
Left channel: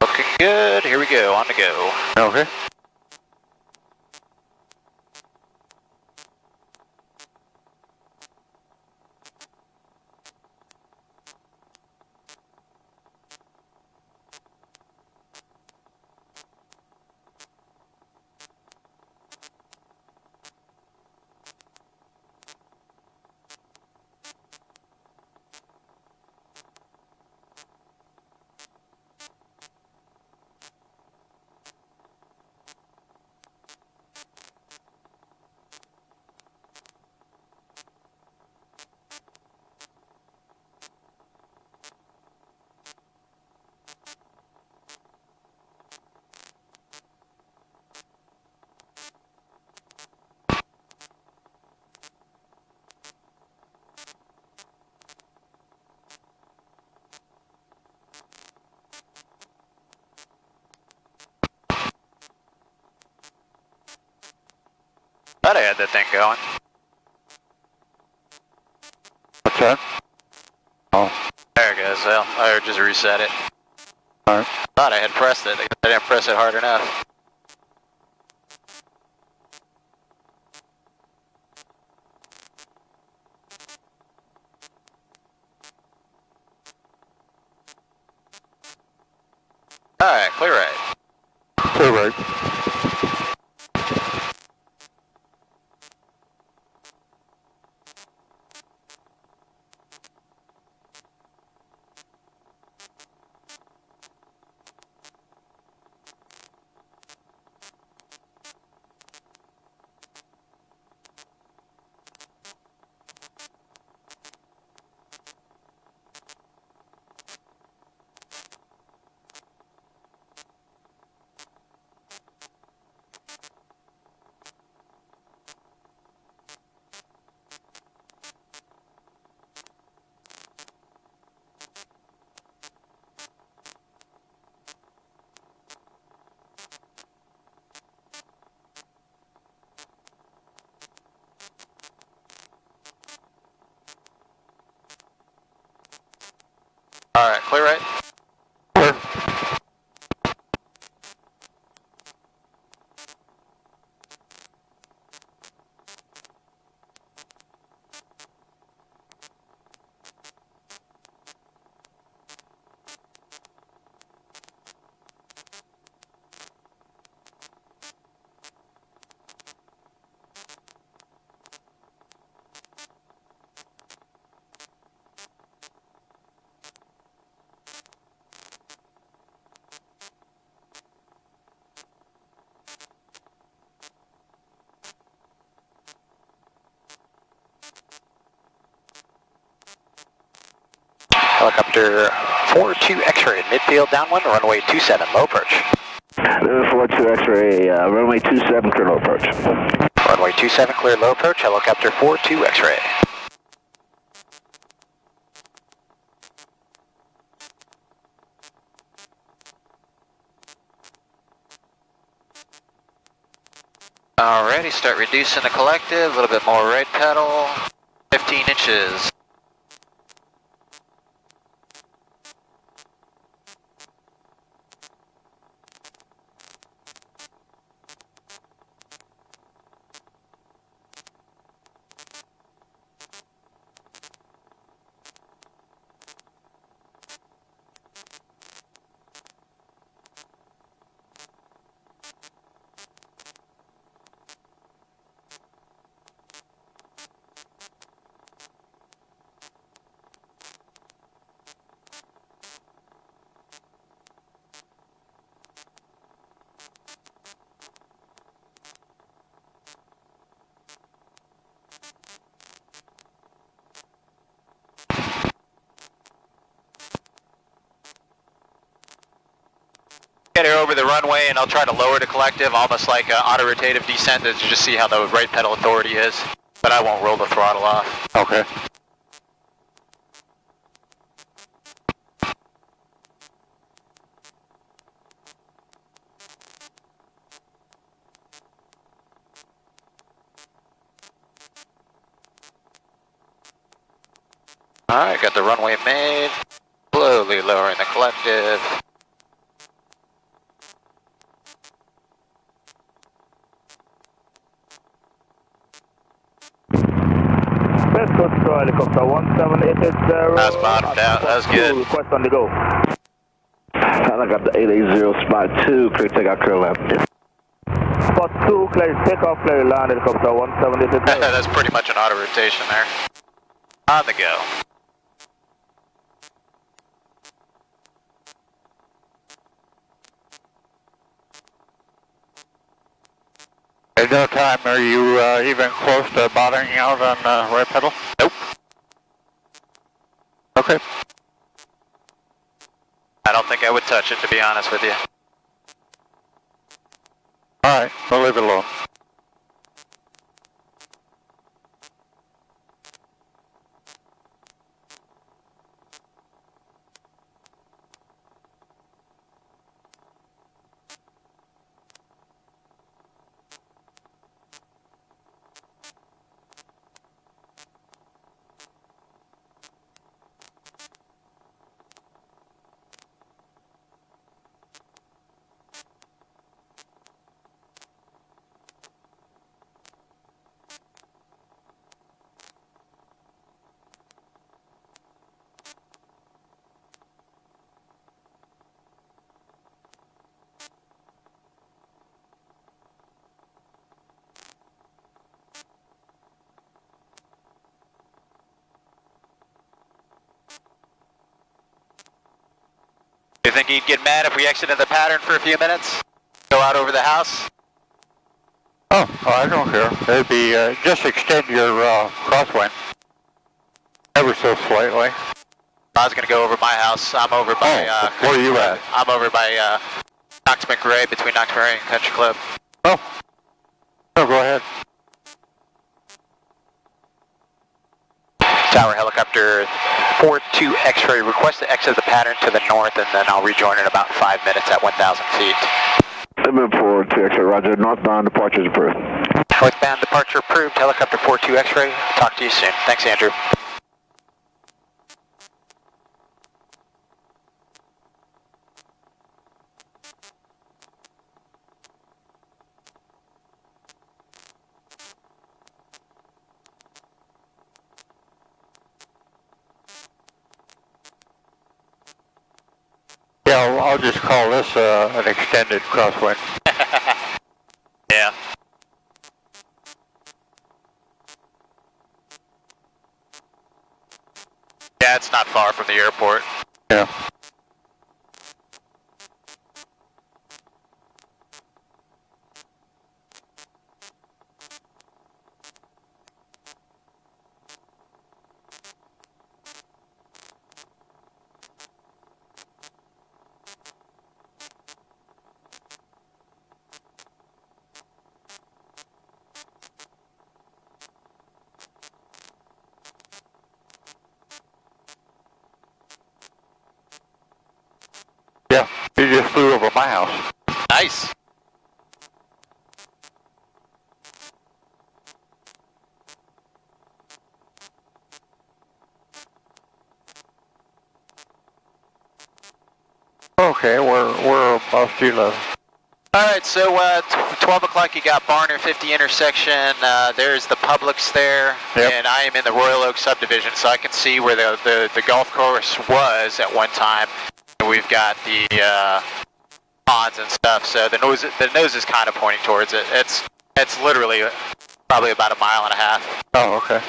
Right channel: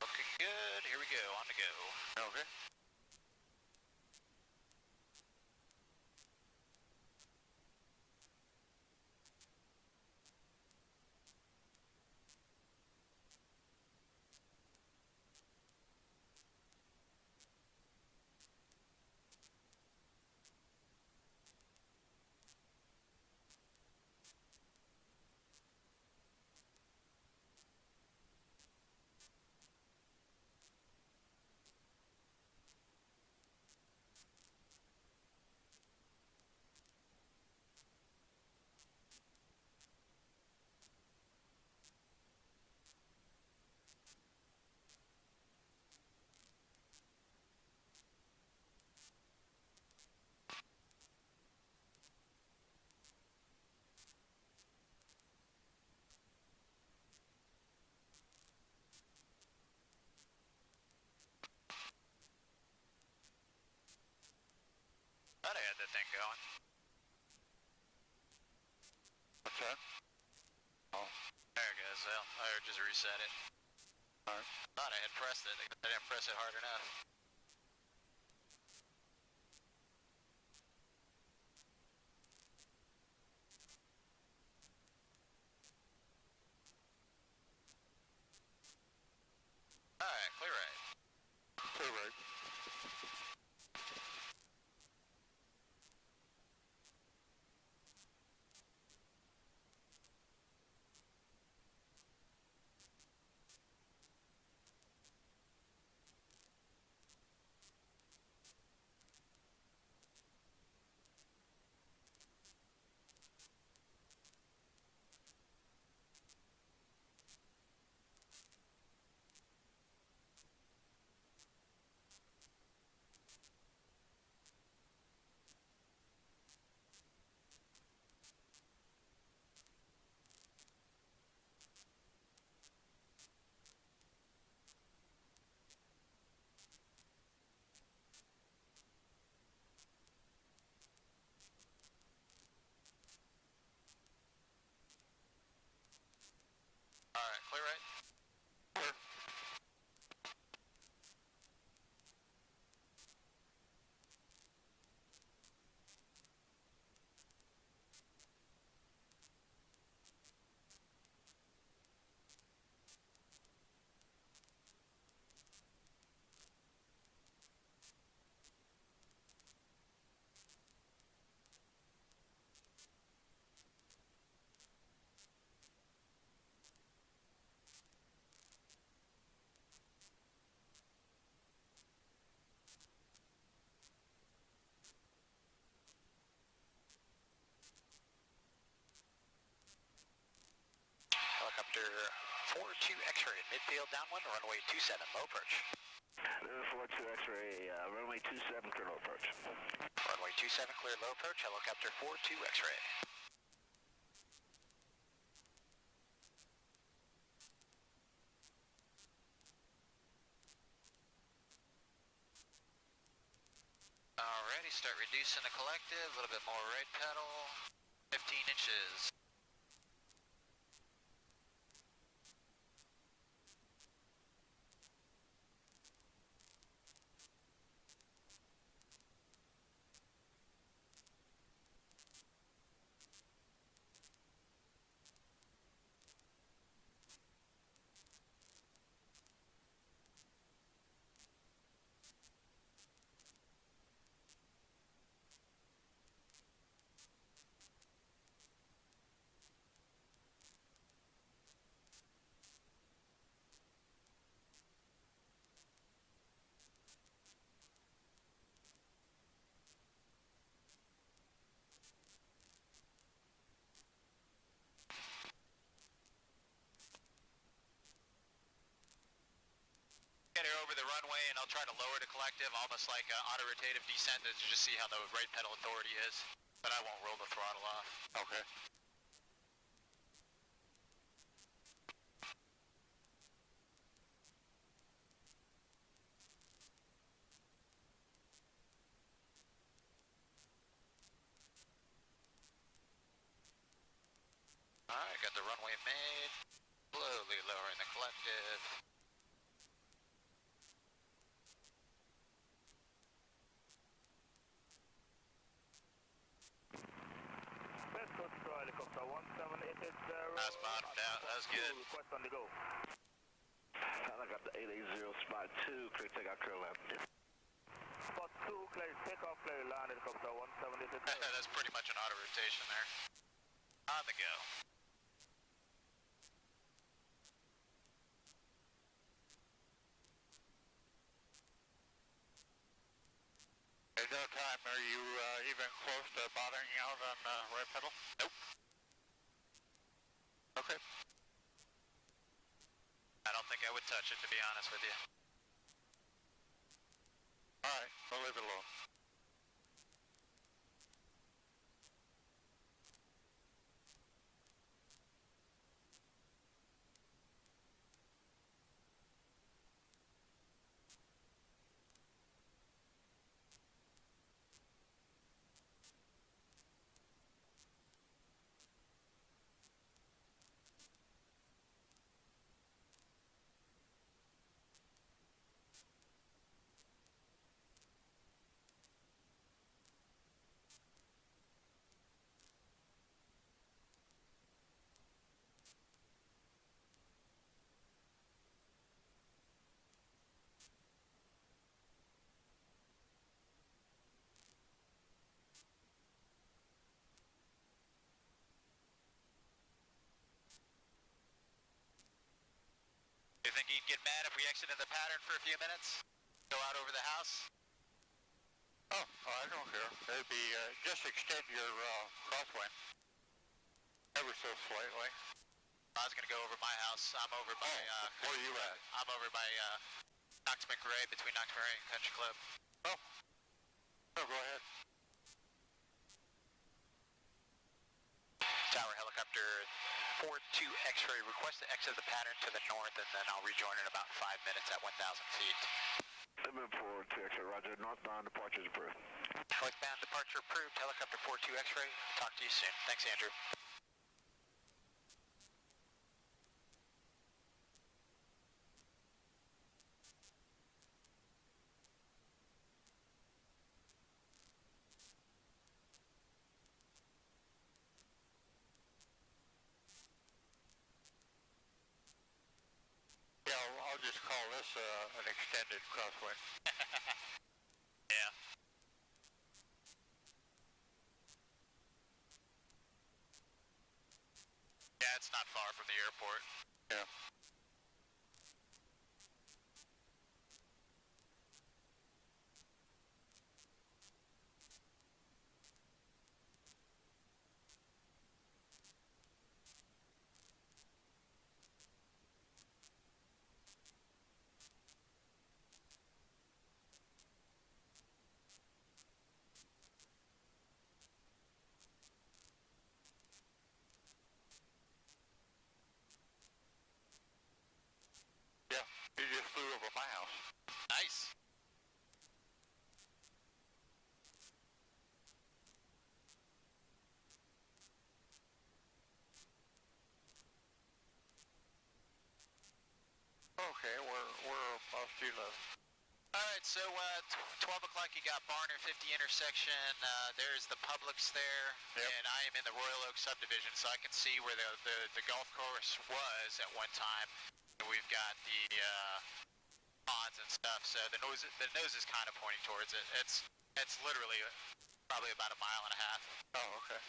Looking good. Here we go. On to go. Okay. Thought I had that thing going. What's that? Oh, There it goes. Well, I just reset it. alright. Thought I had pressed it. I didn't press it hard enough. Alright, clear right. Clear right. Alright, clear right. Clear. Helicopter 42 X-ray, midfield downwind, runway 27, low approach. This is 42 X-ray, runway 27, clear low approach. Runway 27, clear low approach, helicopter 42 X-ray. Alrighty, start reducing the collective, a little bit more right pedal, 15 inches. Get her over the runway and I'll try to lower the collective, almost like an auto-rotative descent to just see how the right pedal authority is. But I won't roll the throttle off. Okay. Alright, got the runway made. Slowly lowering the collective. West Coast helicopter 17880. That's bottomed out, that was good. Request on the go. Helicopter 880, spot 2, clear takeoff, clear left. Spot 2, clear takeoff, clear land, helicopter 17880. That's pretty much an auto rotation there. On the go. At no time are you even close to bottoming out on the right pedal? Nope. Okay. I don't think I would touch it, to be honest with you. All right, we'll leave it alone. Do you think he'd get mad if we exited the pattern for a few minutes? Go out over the house? Oh, I don't care. It'd be, just extend your crosswind ever so slightly. I was going to go over my house. I'm over by... where are you at? I'm over by Knox McRae, between Knox McRae and Country Club. Oh, go ahead. Tower helicopter 42 X-ray, request to exit the pattern to the north, and then I'll rejoin in about 5 minutes at 1,000 feet. Movement 42 X-ray, roger, northbound departure is approved. Northbound departure approved, helicopter 42 X-ray. Talk to you soon. Thanks, Andrew. Yeah, I'll just call this an extended crosswind. Yeah. Yeah, it's not far from the airport. Yeah. from my house. Nice. Okay, where above sea level? All right, so 12 o'clock, you got Barner 50 intersection. There's the Publix there, Yep. and I am in the Royal Oak subdivision, so I can see where the golf course was at one time. And we've got the ponds and stuff, so the nose is kind of pointing towards it. It's literally probably about a mile and a half. Oh, okay.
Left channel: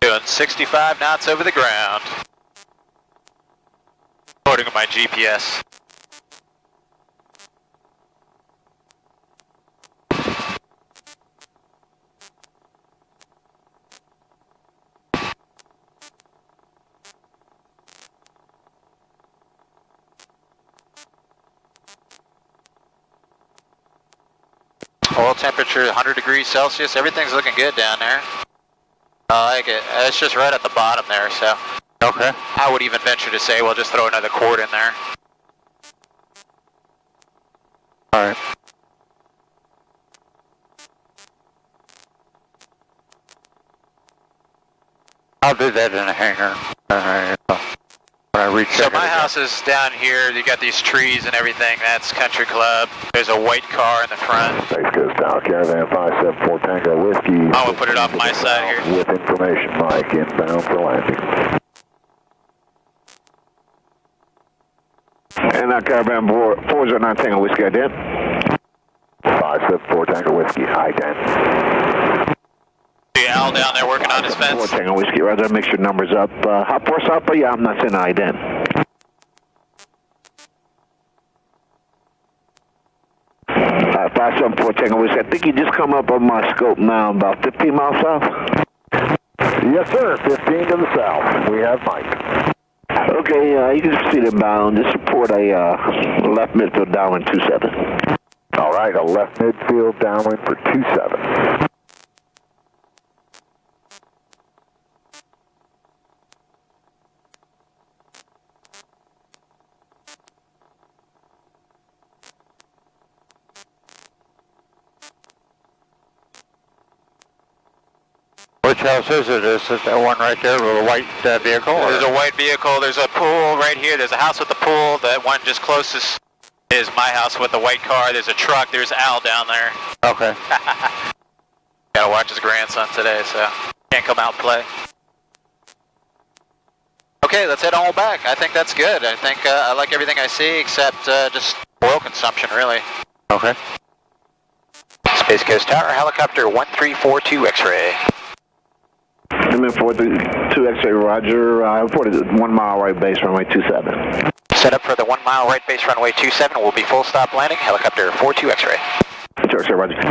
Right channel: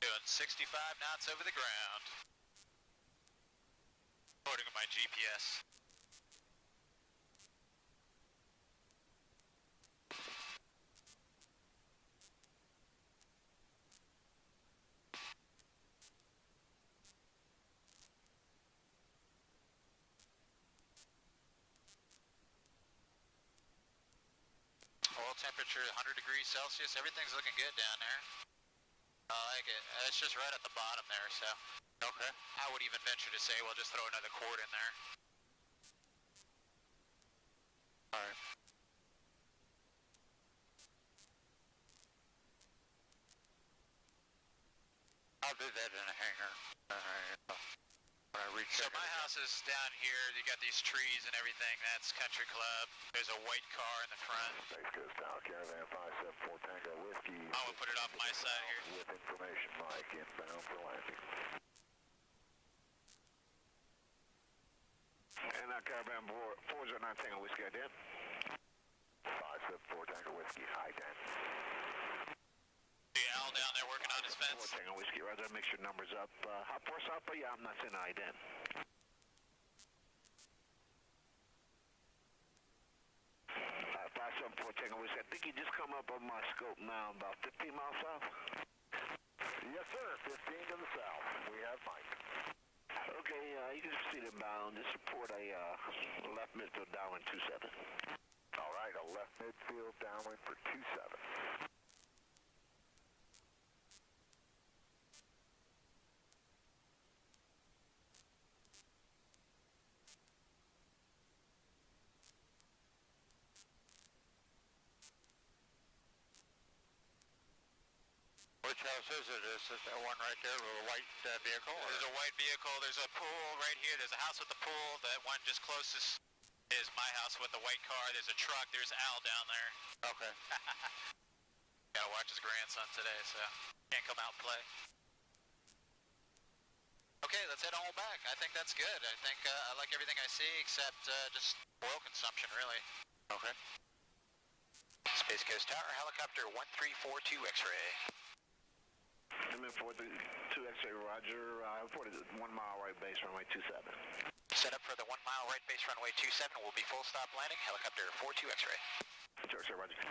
Doing 65 knots over the ground, according to my GPS. Oil temperature 100 degrees Celsius. Everything's looking good down there. I like it. It's just right at the bottom there, so Okay. I would even venture to say we'll just throw another quart in there. All right. I'll do that in a hangar when I reach. So my house is down here. You got these trees and everything. That's Country Club. There's a white car in the front. Space Coast Tower, Caravan 574 Tango Whiskey. I'm gonna put it off my side here. With information, Mike, inbound for landing. And Caravan 409 Tango Whiskey, ident. 574 Tango Whiskey, ident. See Al down there working on his 4 fence. Tango Whiskey, rather mix your numbers up. Hop force up, but yeah, I'm not saying ident. 574 Tango Whiskey, I think you just come up on my scope now, about 15 miles south. Yes, sir. 15 to the south. We have Mike. Okay, you can proceed inbound. Just report a left midfield downwind 27. All right, a left midfield downwind for 27. Which house is it? Is it that one right there with a white vehicle? or- There's a white vehicle. There's a pool right here. There's a house with a pool. That one just closest is my house with the white car. There's a truck. There's Al down there. Okay. Gotta watch his grandson today, so can't come out and play. Okay, let's head on back. I think that's good. I think I like everything I see except just oil consumption, really. Okay. Space Coast Tower, helicopter 1342 X-ray. I'm in 432 X-ray, roger. I reported 1 mile right base, runway 27. Set up for the 1 mile right base runway 27. We'll be full stop landing, helicopter 42 X-ray. 2 X-ray, roger.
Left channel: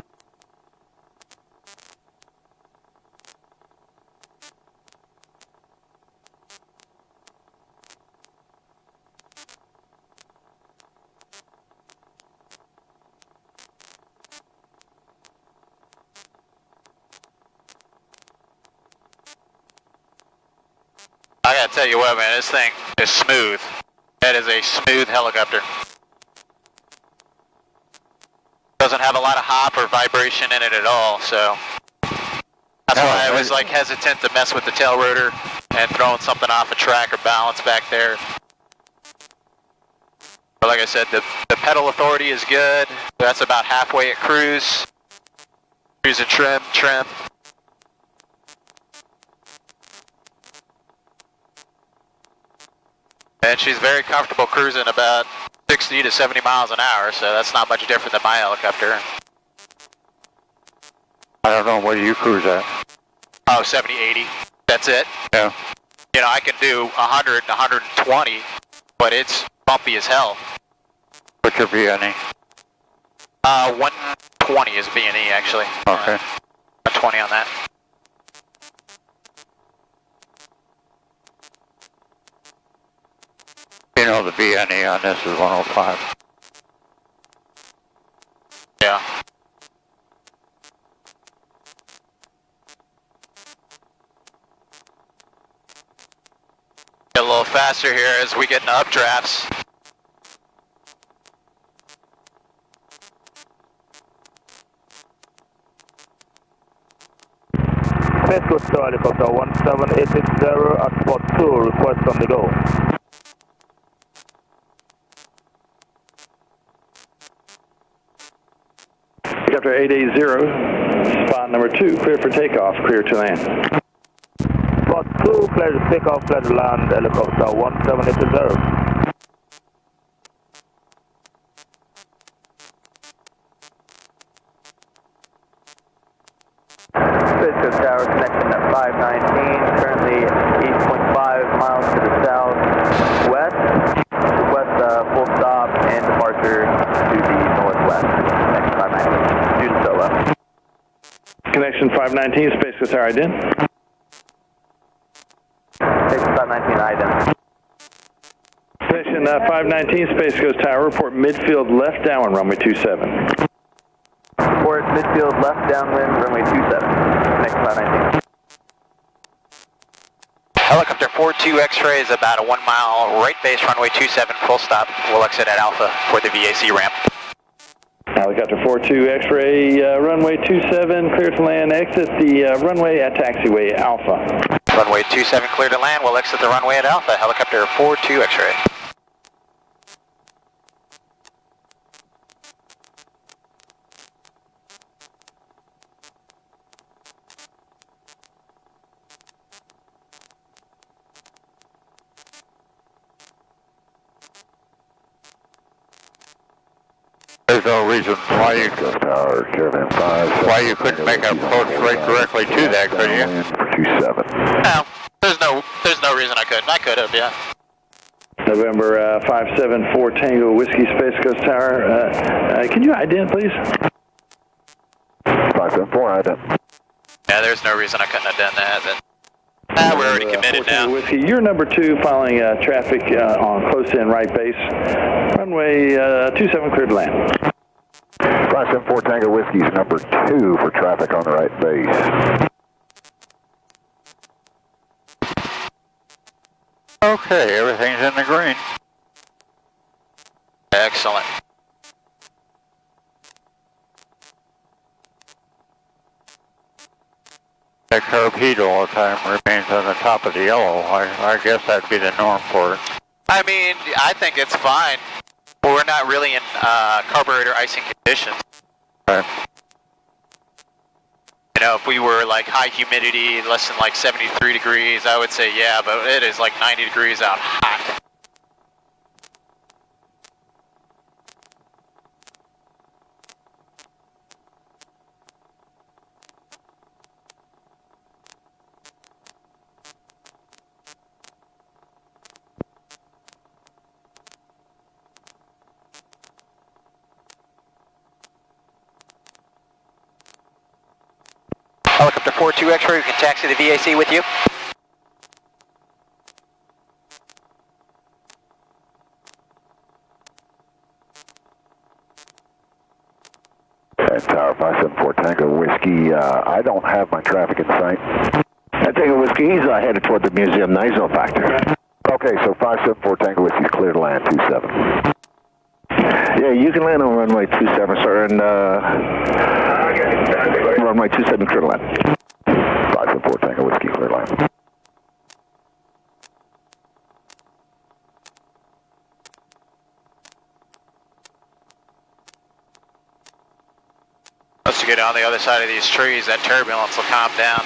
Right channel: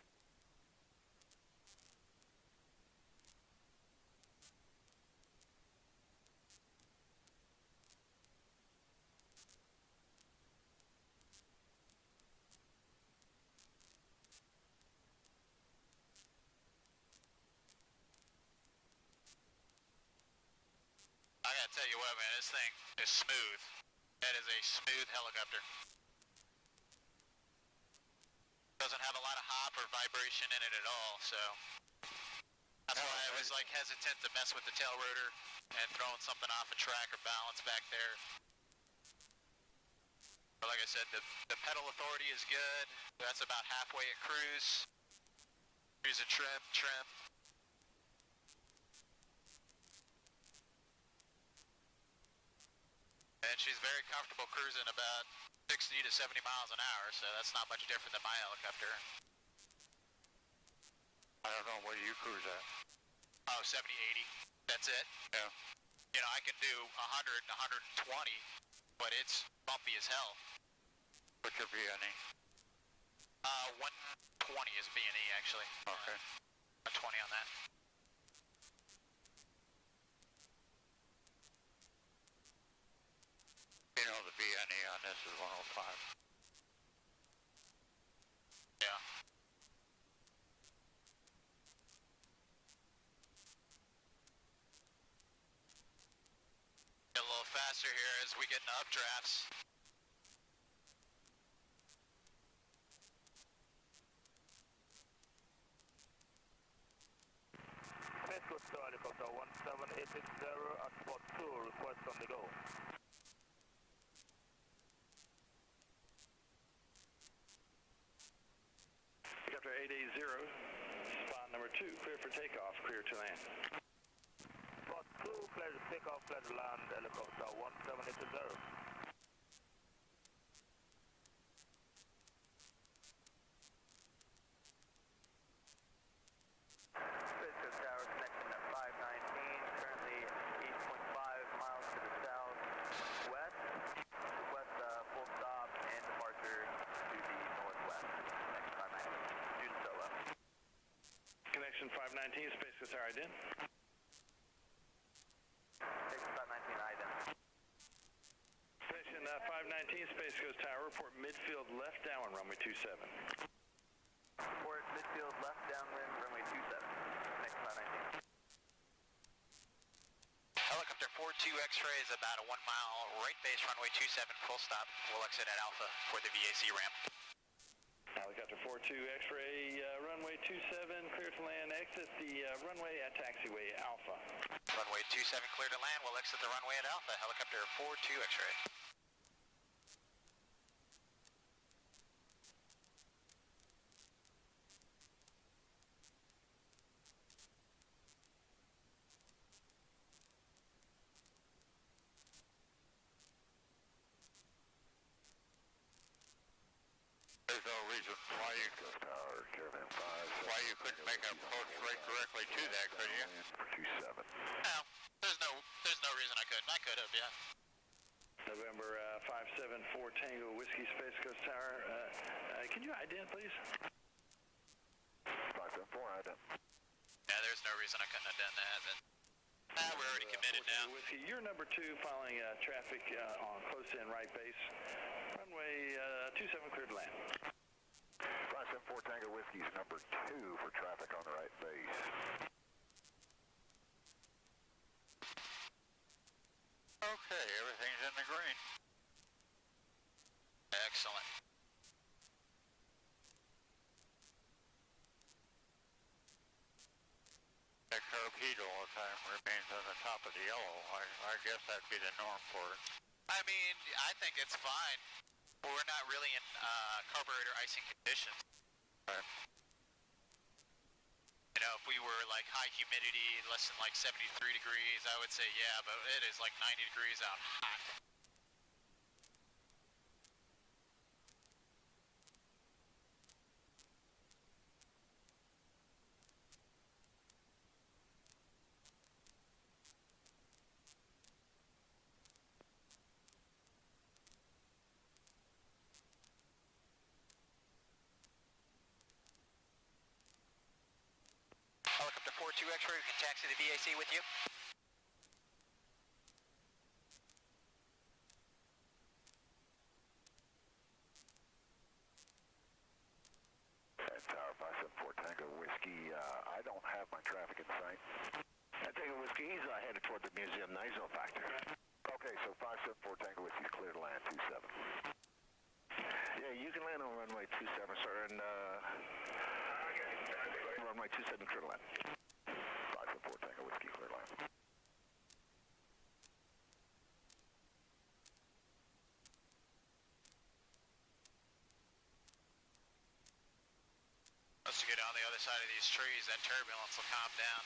I gotta tell you what, man, this thing is smooth. That is a smooth helicopter. Doesn't have a lot of hop or vibration in it at all, so that's why I was like hesitant to mess with the tail rotor and throwing something off a track or balance back there. But like I said, the pedal authority is good. That's about halfway at cruise. Cruise and trim. And she's very comfortable cruising about 60 to 70 miles an hour, so that's not much different than my helicopter. I don't know, where do you cruise at? Oh, 70, 80. That's it. Yeah. You know, I can do 100, 120, but it's bumpy as hell. What's your VNE? 120 is B&E, actually. Okay. 120 on that. You know, the VNE on this is 105. Yeah. Get a little faster here as we get into updrafts. Space Coast helicopter 17860 at spot 2, request on the go. Helicopter 880, spot number 2, clear for takeoff, clear to land. Spot 2, clear to take off, clear to land, helicopter 17860. Space Coast Tower, connection at 519, currently 8.5 miles to the southwest. Request full stop and departure to the northwest. Connection 519, due to solo. Connection 519, Space Coast Tower ident. Connection 519, ident. Connection 519, Space Coast Tower, report midfield left downwind, runway 27. Report midfield left downwind, runway 27. Connection 519. Helicopter 42 X-ray is about a 1 mile right base runway 27 full stop. We'll exit at Alpha for the VAC ramp. Helicopter 42 X-ray, runway 27, clear to land, exit the runway at taxiway Alpha. Runway 27 clear to land. We'll exit the runway at Alpha. Helicopter 42 X-ray. There's no reason why you couldn't make an approach right directly to that, could you? For 27. No, there's no reason I couldn't. I could have, yeah. November 574 Tango Whiskey Space Coast Tower. Can you ident, please? 574, ident. Yeah, there's no reason I couldn't have done that. Then. We're already committed now. Whiskey, you're number 2, following traffic on close in right base. Runway 27 cleared to land. 574 Tango Whiskey's number 2 for traffic on the right base. Okay, everything's in the green. Excellent. The torpedo all the time remains on the top of the yellow. I guess that'd be the norm for it. I mean, I think it's fine. But we're not really in carburetor icing conditions. Right. You know, if we were like high humidity, less than like 73 degrees, I would say yeah, but it is like 90 degrees out hot. Helicopter 42 X-ray, we can taxi the VAC with you. Tower 574 Tango Whiskey, I don't have my traffic in sight. Tango Whiskey, he's headed toward the museum, ISO factor. Okay, so 574 Tango Whiskey's clear to land 27. Yeah, you can land on runway 27, sir, and runway 27 clear to land. 574 Tango Whiskey, clear to land. Let's get on the other side of these trees, that turbulence will calm down.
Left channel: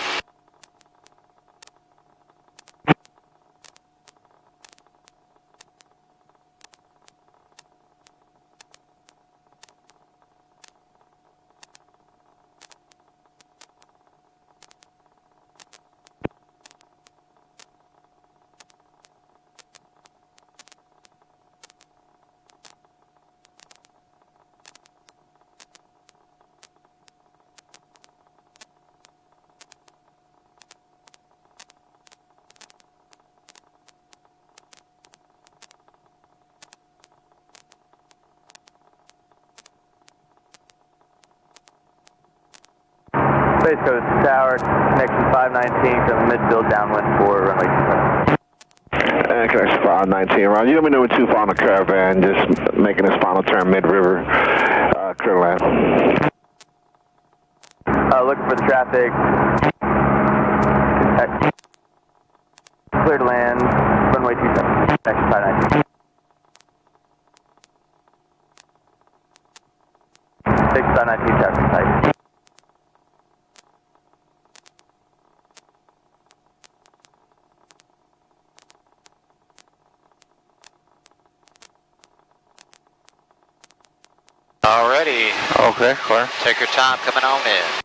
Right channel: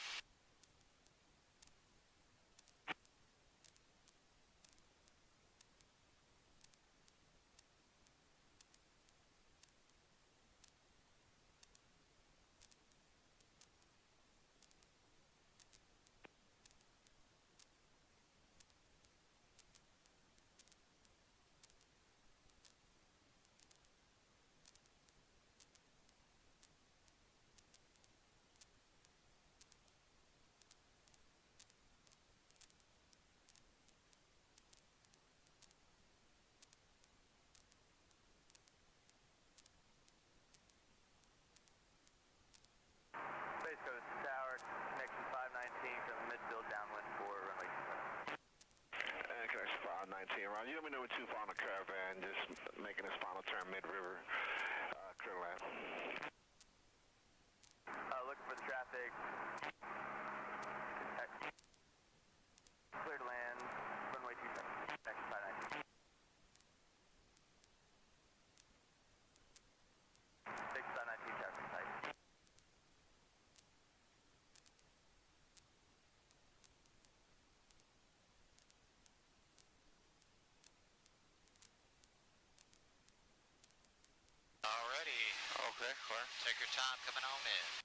Space Coast Tower, connection 519 from midfield downwind for runway 27. Connection 519, Ron. You let me know when too far on the Caravan, just making this final turn mid-river, clear to land. Looking for the traffic. Clear to land, runway 27, connection 519. 6519 traffic type. Alrighty, Okay, clear. take your time coming on in.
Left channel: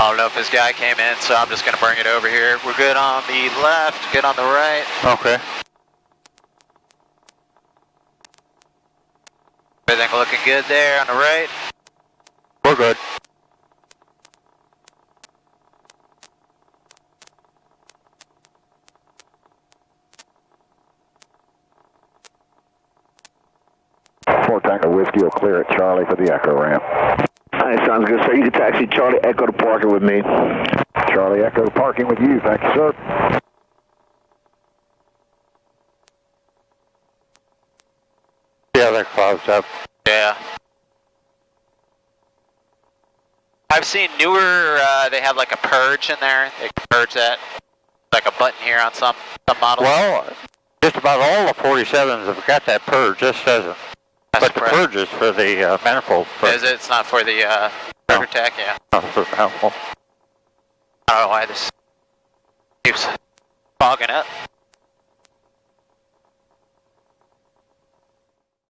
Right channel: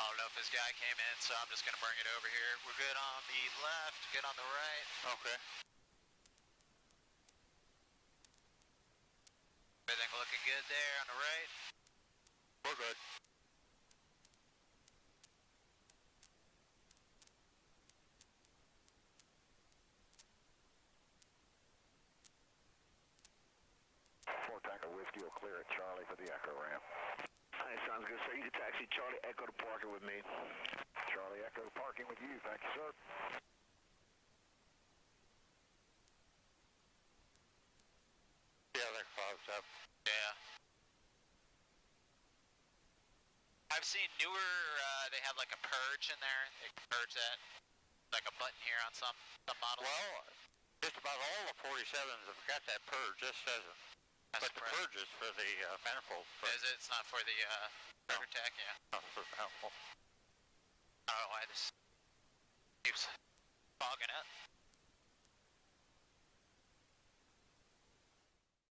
I don't know if this guy came in, so I'm just going to bring it over here. We're good on the left, good on the right. Okay. Everything looking good there on the right. We're good. Fort Tango Whiskey will clear at Charlie for the Echo ramp. Alright, sounds good, sir. You can taxi Charlie Echo to parking with me. Charlie Echo parking with you. Thank you, sir. Yeah, that clouds up. Yeah. I've seen newer, they have like a purge in there. They can purge that. Like a button here on some models. Well, just about all the 47s have got that purge. This doesn't. That's But the correct. purge is for the manifold. Is it? It's not for the rotor tech? Yeah. Not for the manifold. I don't know why this keeps fogging up.